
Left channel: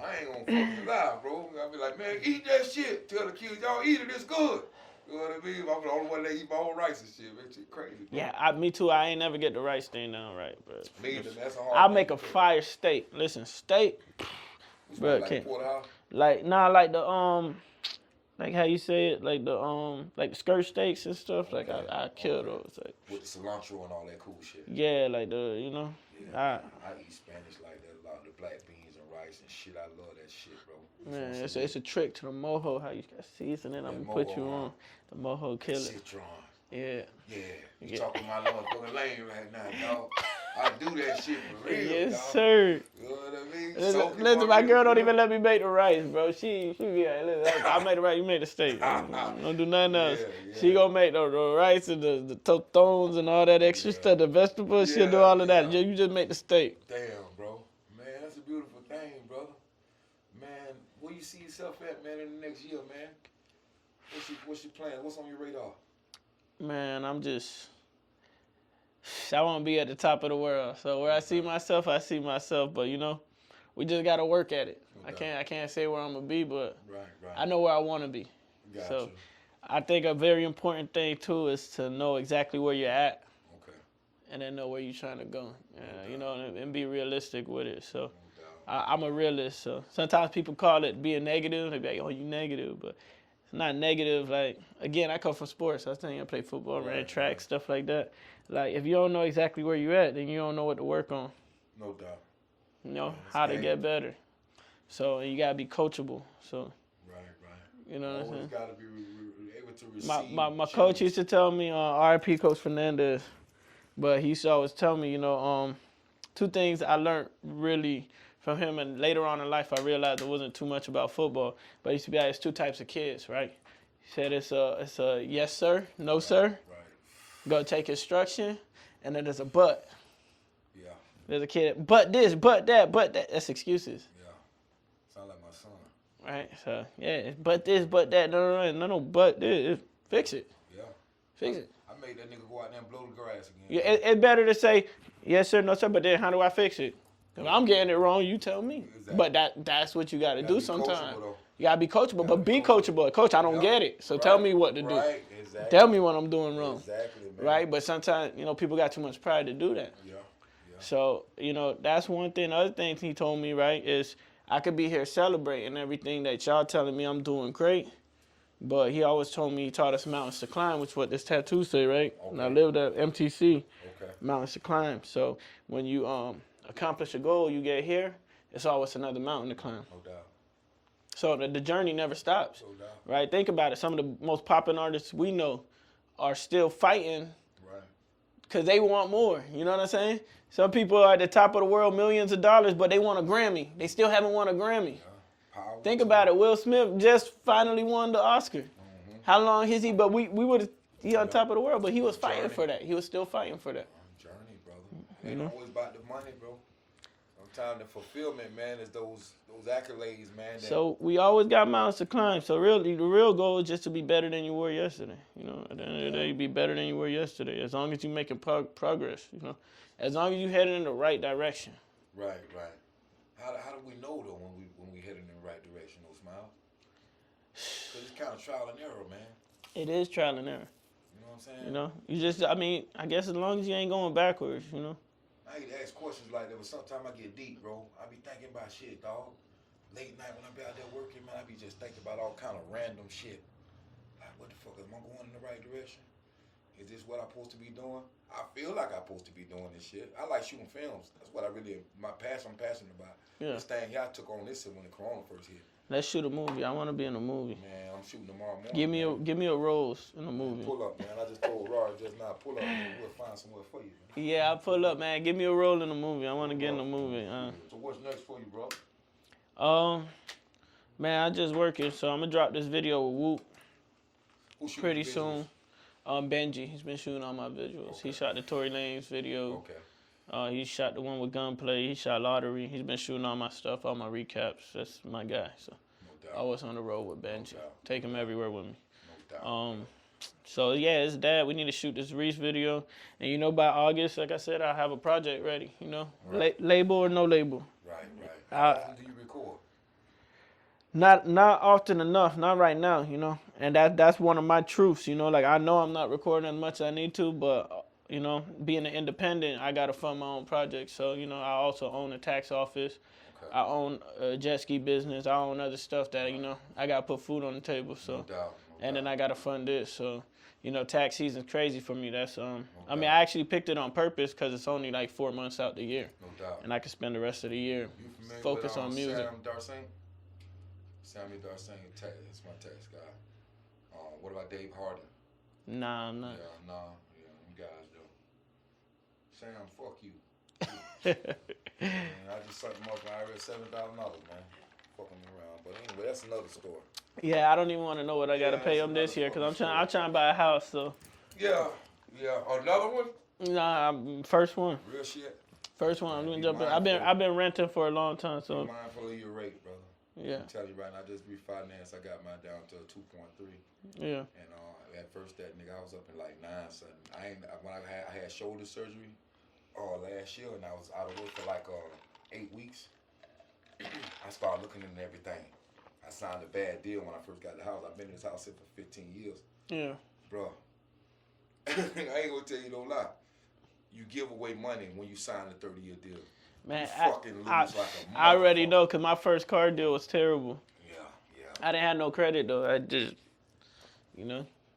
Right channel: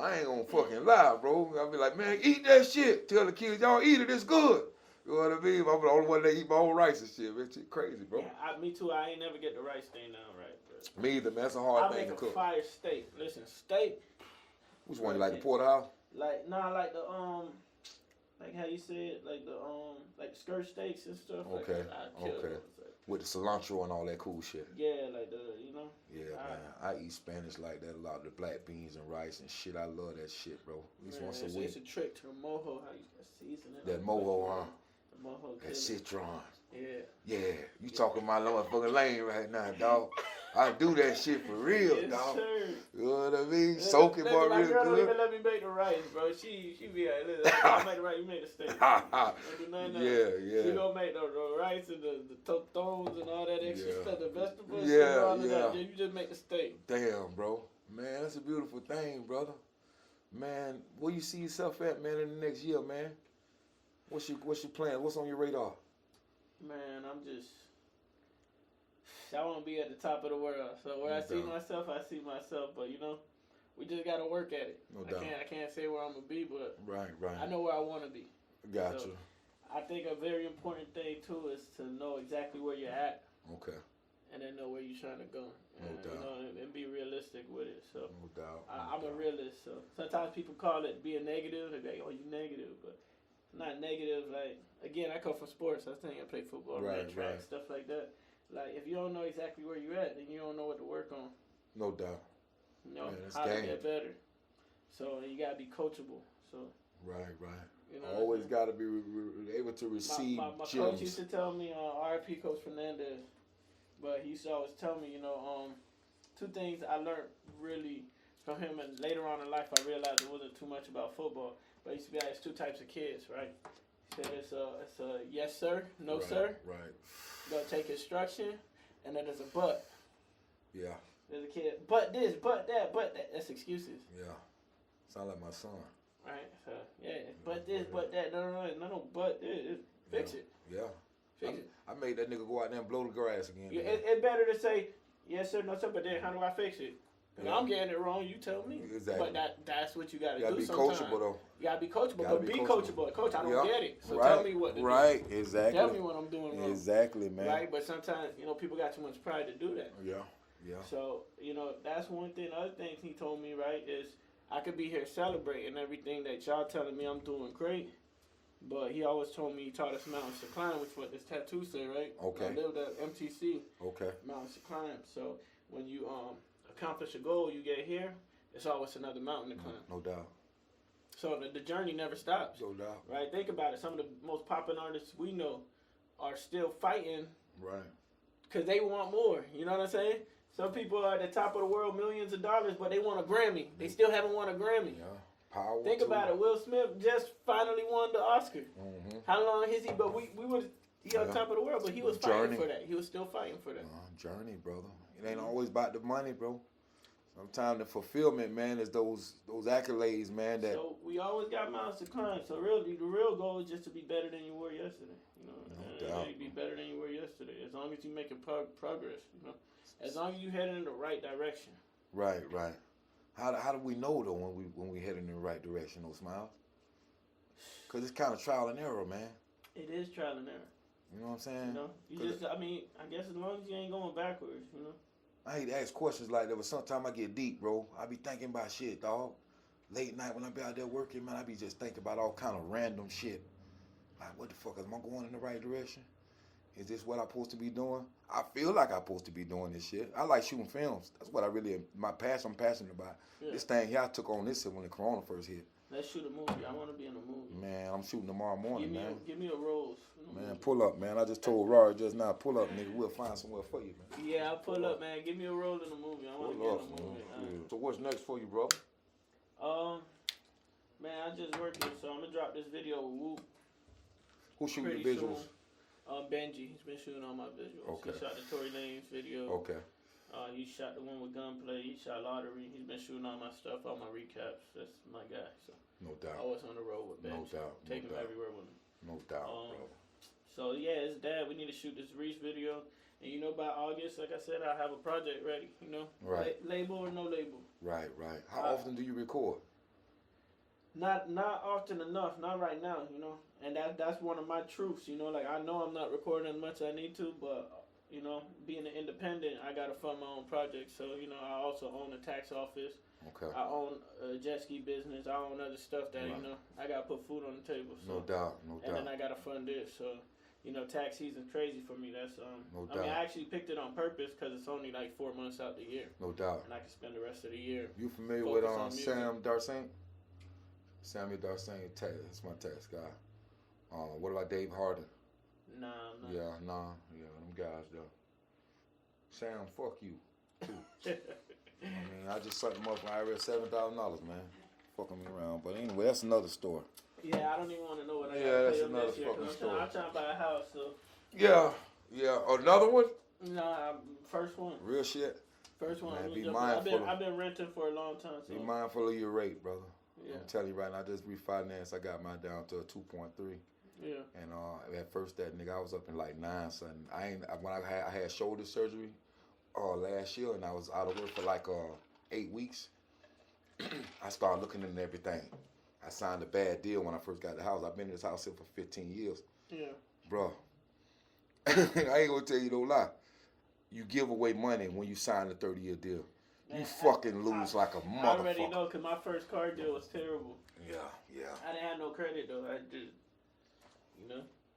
I ain't gonna fucking lie, bro. I'll be like, man, eat that shit. Tell the kids, y'all eat it, it's good. You know what I mean? I'm the only one that eat my own rice and shit. Man, shit crazy, bro. Yeah, me too. I ain't never get the rice thing down right, but me either, man. That's a hard I'll make a fire steak. Listen, steak. Which one, like porterhouse? Like, like the like how you say it, like the skirt steaks and stuff. Like I kill those. Like, with the cilantro and all that cool shit. Yeah, like the Yeah, I eat Spanish like that a lot. The black beans and rice and shit. I love that shit, bro. Man, it's a trick to the mojo. How you got seasoning? I'm gonna put you on the mojo killer. Citron. Yeah. Yeah, you talking my motherfucking lane right now, dog. I do that shit for real, yes, dog. sir. You know what I mean? Listen, my girl don't even let me make the rice, bro. She be like, listen, I made the rice, you made the steak. Don't do nothing else. Yeah. She gonna make the rice and the tostones and all that extra stuff, the vegetables. She'll do all of that. You just make the steak. Damn, bro. Man, that's a beautiful thing, brother. Man, where you see yourself at, man, in the next year, man? What's your plan? What's on your radar? Man, I want to be at the top of the world. So where I see myself, But you know, we just gotta work at it. I can't say where I'm gonna be, but I know where I want to be. Gotcha. I think a very important thing too is to know exactly where you're at. Okay. and then know where you're trying to go. No you know, and be realistic with it. So No doubt. I'm a realist. So sometimes people call it being negative. They be like, "Oh, you negative," but it's not negative. Like again, I come from sports. I was telling you I play football, ran track, stuff like that. Like if you don't know exactly where you're at, then you don't know what to work on. No doubt. You know it's how to game. get better. So you gotta be coachable. So Right. you know, what I'm Always saying? got to be able to receive. My coach used to tell me, RIP Coach Fernandez, but he used to always tell me, two things I learned really from him, and later on in life I realized it wasn't too much about football. But he used to be like, it's two types of kids, right? He said it's a yes sir, no sir. Right. Go take instruction, and then there's a but. Yeah. There's a kid, but this, but that, but that. That's excuses. Yeah. Sound like my son. Right? So, yeah, but this, but that. No, but this. Fix it. Yeah. Fix it. I made that nigga go out there and blow the grass again. Yeah, it's better to say, yes, sir, no, sir, but then how do I fix it? If I'm getting it wrong, you tell me. Exactly. But that's what you got to do be sometimes. coachable, though. You got to be coachable, but be coachable. Coach, I don't Yep. get it, so Right. tell me what to do. Right, exactly. Tell me what I'm doing wrong. Exactly, man. Right? But sometimes, people got too much pride to do that. Yeah. So, that's one thing. The other thing he told me, right, is I could be here celebrating everything that y'all telling me I'm doing great. But he always told me he taught us mountains to climb, which is what this tattoo say, right? Okay. And I lived at MTC, Okay. mountains to climb. So when you accomplish a goal, you get here, it's always another mountain to climb. No doubt. So the journey never stops, No doubt. right? Think about it. Some of the most popular artists we know are still fighting Right. because they want more. You know what I'm saying? Some people are at the top of the world, millions of dollars, but they want a Grammy. They still haven't won a Grammy. Yeah. Power. Think about it. Will Smith just finally won the Oscar. How long is he? But we would he on top of the world, but he was fighting Journey. for that. He was still fighting for that. Journey, brother. It ain't always about the money, bro. Sometimes the fulfillment, man, is those accolades, man. That So we always got mountains to climb. So really, the real goal is just to be better than you were yesterday. At the end of the day, you be better than you were yesterday. As long as you're making progress, as long as you're heading in the right direction. Right. How do we know though when we heading in the right direction, though, Smiles? Cause it's kind of trial and error, man. It is trial and error. You know what I'm saying? You just, I guess as long as you ain't going backwards, I hate to ask questions like that, but sometimes I get deep, bro. I be thinking about shit, dog. Late night when I be out there working, man, I be just thinking about all kind of random shit. Like, what the fuck, am I going in the right direction? Is this what I'm supposed to be doing? I feel like I'm supposed to be doing this shit. I like shooting films. That's what I'm passionate about. Yeah. This thing here, I took on this when the corona first hit. Let's shoot a movie. I want to be in a movie. Man, I'm shooting tomorrow morning. Give me a rose in a movie. Man, pull up, man. I just told Rory just now, pull up, nigga. We'll find somewhere for you, man. Yeah, I pull up, man. Give me a role in a movie. I want to get in a movie. So what's next for you, bro? Man, I just working, so I'm gonna drop this video with Whoop Who shooting pretty the visuals? soon. Benji, he's been shooting all my visuals. Okay. He shot the Tory Lanez video. Okay. He shot the one with Gunplay. He shot Lottery. He's been shooting all my stuff, all my recaps. That's my guy. So No doubt. I was on the road with Benji. doubt. Take him everywhere with me. No doubt. So yeah, it's that. We need to shoot this Reese video, and by August, like I said, I have a project ready. Right. Label or no label. Right. How often do you record? Not often enough. Not right now. And that's one of my truths. Like I know I'm not recording as much as I need to, but being an independent, I gotta fund my own projects. So I also own a tax office. Okay. I own a jet ski business. I own other stuff that I gotta put food on the table. So No doubt. and then I gotta fund this. So tax season's crazy for me. That's I mean, doubt. I actually picked it on purpose because it's only like 4 months out the year, No doubt. and I can spend the rest of the year You familiar focus with on music. Sam Darsane? Samuel Darsane, that's my tax guy. What about Dave Harden? Nah, I'm not. Yeah, them guys though. Sam, fuck you. Man, I just sucked him up for IRS $7,000, man. Fucking me around, but anyway, that's another story. Yeah, I don't even want to know what I gotta pay that's him this another year because fucking I'm trying to buy a house. So Yeah, another one. nah, first one. Real shit. First one. Man, I'm be jumping. mindful. I've been renting for a long time. Be So mindful of your rate, brother. yeah, I'm telling you right now, I just refinanced. I got mine down to a 2.3. yeah. And at first, that nigga, I was up in like 9 something. When I had shoulder surgery last year, and I was out of work for like 8 weeks. I started looking into everything. I signed a bad deal when I first got the house. I've been in this house here for 15 years, Yeah. bro. I ain't gonna tell you no lie. you give away money when you sign a 30-year deal. Man, you fucking lose like a motherfucker. I already know, because my first car deal was terrible. Yeah. I didn't have no credit, though. I just,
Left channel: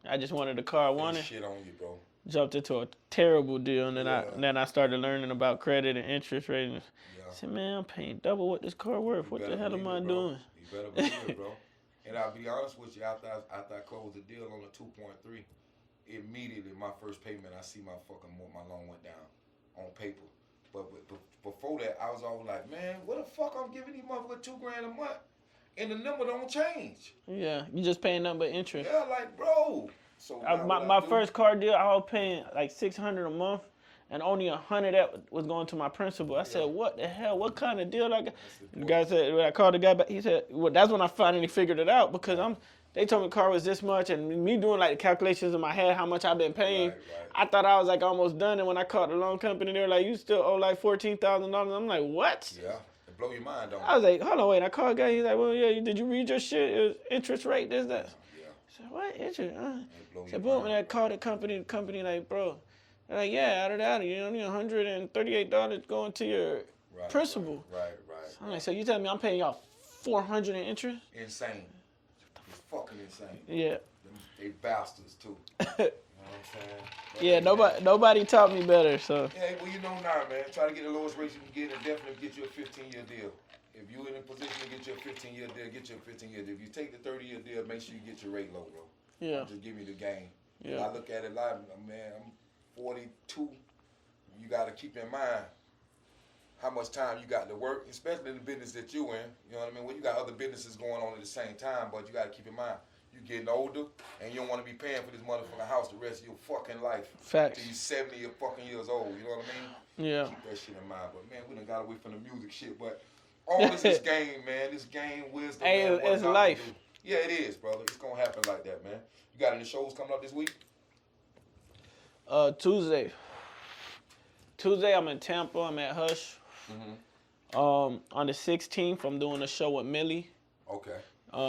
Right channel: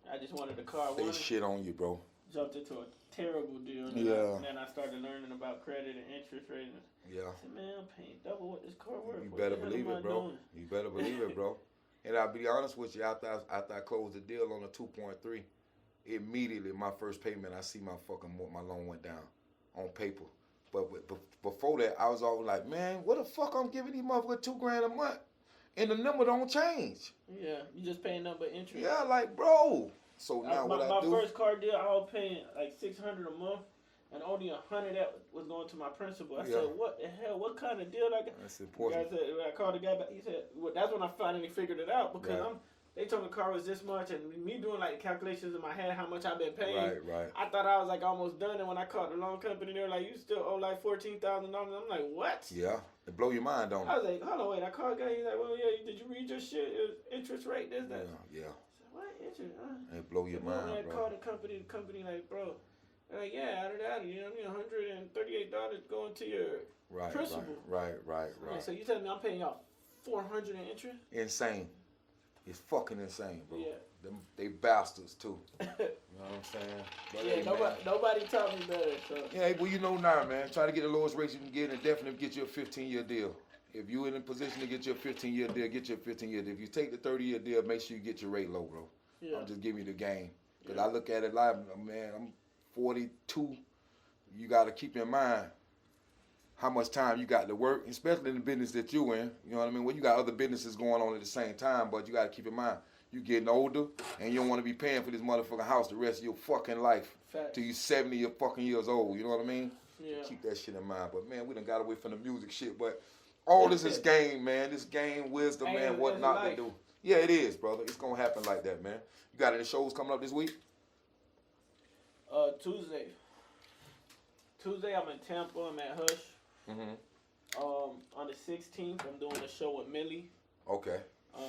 I just wanted the car I wanted. Shit on you, bro. Jumped into a terrible deal, and then I started learning about credit and interest rates. Yeah. I said, man, I'm paying double what this car worth. What the hell am I doing? You better believe it, bro. And I'll be honest with you, after I closed the deal on the 2.3, immediately my first payment, I see my loan went down on paper. But before that, I was always like, man, what the fuck I'm giving these motherfuckers $2,000 a month, and the number don't change. Yeah, you just paying nothing but interest. Yeah, like, bro. So my first car deal, I was paying like $600 a month, and only $100 that was going to my principal. I said, what the hell? What kind of deal I got? The guy said, when I called the guy back, he said, well, that's when I finally figured it out, because they told me the car was this much, and me doing like the calculations in my head, how much I've been paying. Right. I thought I was like almost done, and when I called the loan company, they were like, you still owe like $14,000. I'm like, what? Yeah, it blow your mind, don't it? I was like, hold on, wait. I called the guy. He's like, well, yeah, did you read your shit? It was interest rate, this, that. Yeah. I said, what interest? It blow your boom, mind, and I bro. called the company like, bro, they're like, yeah, out of that, you only $138 going to your principal. Right. I'm like, so you telling me I'm paying y'all $400 in interest? Insane. It's fucking insane. Yeah. They bastards too. You know what I'm saying? But Yeah, hey, nobody taught me better, so. Yeah, well, you know now, man. Try to get the lowest rate you can get, and definitely get you a 15-year deal. If you're in a position to get your 15-year deal, get your 15-year deal. If you take the 30-year deal, make sure you get your rate low, bro. Yeah. I'm just giving you the game. Yeah. I look at it like, man, I'm 42. You got to keep in mind how much time you got to work, especially in the business that you in. You know what I mean? Well, you got other businesses going on at the same time, but you got to keep in mind, you getting older, and you don't want to be paying for this motherfucking house the rest of your fucking life. Facts. Till you 70 fucking years old. You know what I mean? Yeah. Keep that shit in mind. But man, we done got away from the music shit. But all this is game, man. This game, wisdom, Hey, man. What it's not life. to do. Yeah, it is, brother. It's gonna happen like that, man. You got any shows coming up this week? Tuesday, I'm in Tampa. I'm at Hush. Mm-hmm. On the 16th, I'm doing a show with Millie. Okay.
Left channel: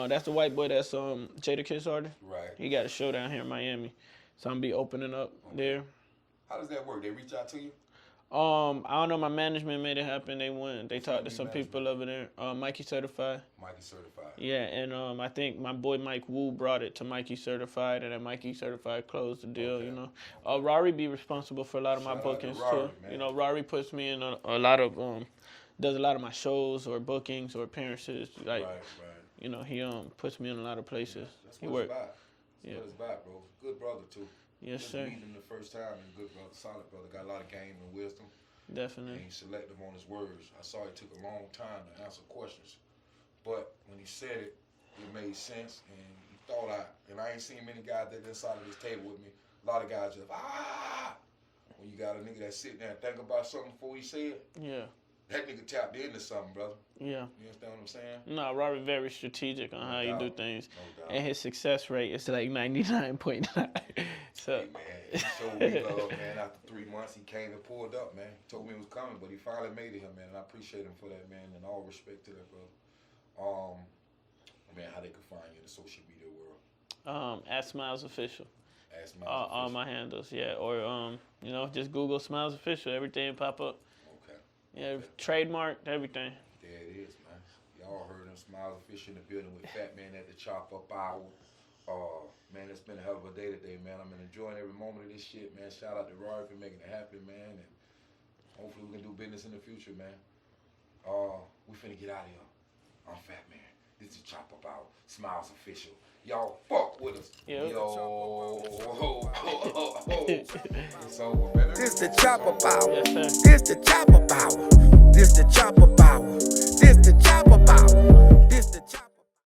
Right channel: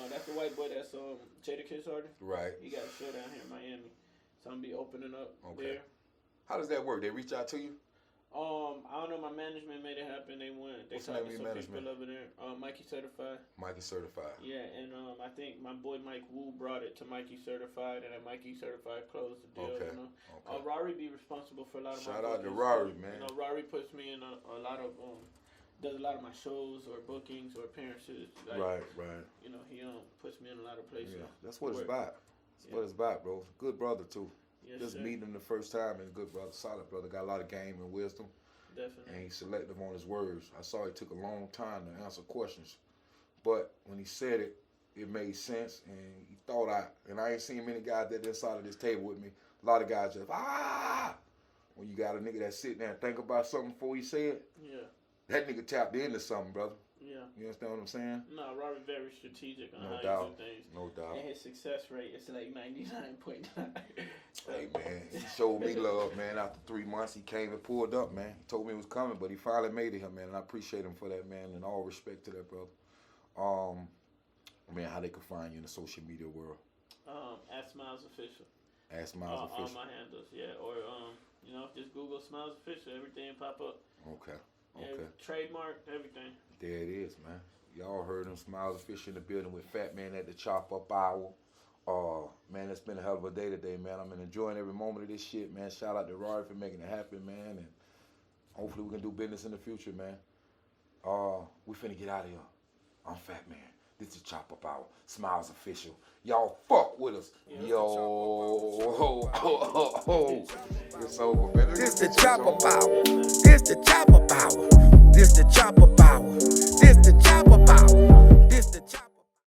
That's the white boy that's Jadakiss artist. Right. He got a show down here in Miami, so I'm gonna be opening up there. How does that work? They reach out to you? I don't know. My management made it happen. They went. They talked to some management? people over there. Mikey Certified. Mikey Certified. Yeah, and I think my boy Mike Wu brought it to Mikey Certified, and then Mikey Certified closed the deal. Okay. You know, Rari be responsible for a lot of my Shout out to bookings Rari, too. man. You know, Rari puts me in a lot of does a lot of my shows or bookings or appearances. Like, Right. you know, he puts me in a lot of places. Yeah, that's He what work. it's about. That's what it's about, bro. Good brother too. Yes, Just sir. meeting him the first time is good brother, solid brother. Got a lot of game and wisdom. And Definitely. he's selective on his words. I saw it took a long time to answer questions, but when he said it, it made sense and he thought out. And I ain't seen many guys that inside of this table with me. A lot of guys just when you got a nigga that sit there and think about something before he say it, Yeah. that nigga tapped into something, brother. Yeah. You understand what I'm saying? No, Rari very strategic on how doubt. you do things. No doubt. And his success rate is like 99.9. So Hey, man, he showed me love, man. After 3 months, he came and pulled up, man. He told me it was coming, but he finally made it here, man. And I appreciate him for that, man. And all respect to that, brother. Man, how they can find you in the social media world? at Smiles Official. Ask Miles All Official. my handles, yeah. Or you know, just Google Smiles Official. Everything pop up. Okay. Yeah, Okay. trademarked everything. There it is, man. Y'all heard him. Smiles Official in the building with Fat Man at the Chop Up Hour. Man, it's been a hell of a day today, man. I'm enjoying every moment of this shit, man. Shout out to Rory for making it happen, man. And hopefully we can do business in the future, man. We finna get out of here. I'm Fat Man. This is Chop Up Hour. Smiles Official. Y'all fuck with us. Yeah. Yo. It's over, man. This the chopper power. Yes, sir. This the chopper power. This the chopper power. This the chopper power. This the chopper.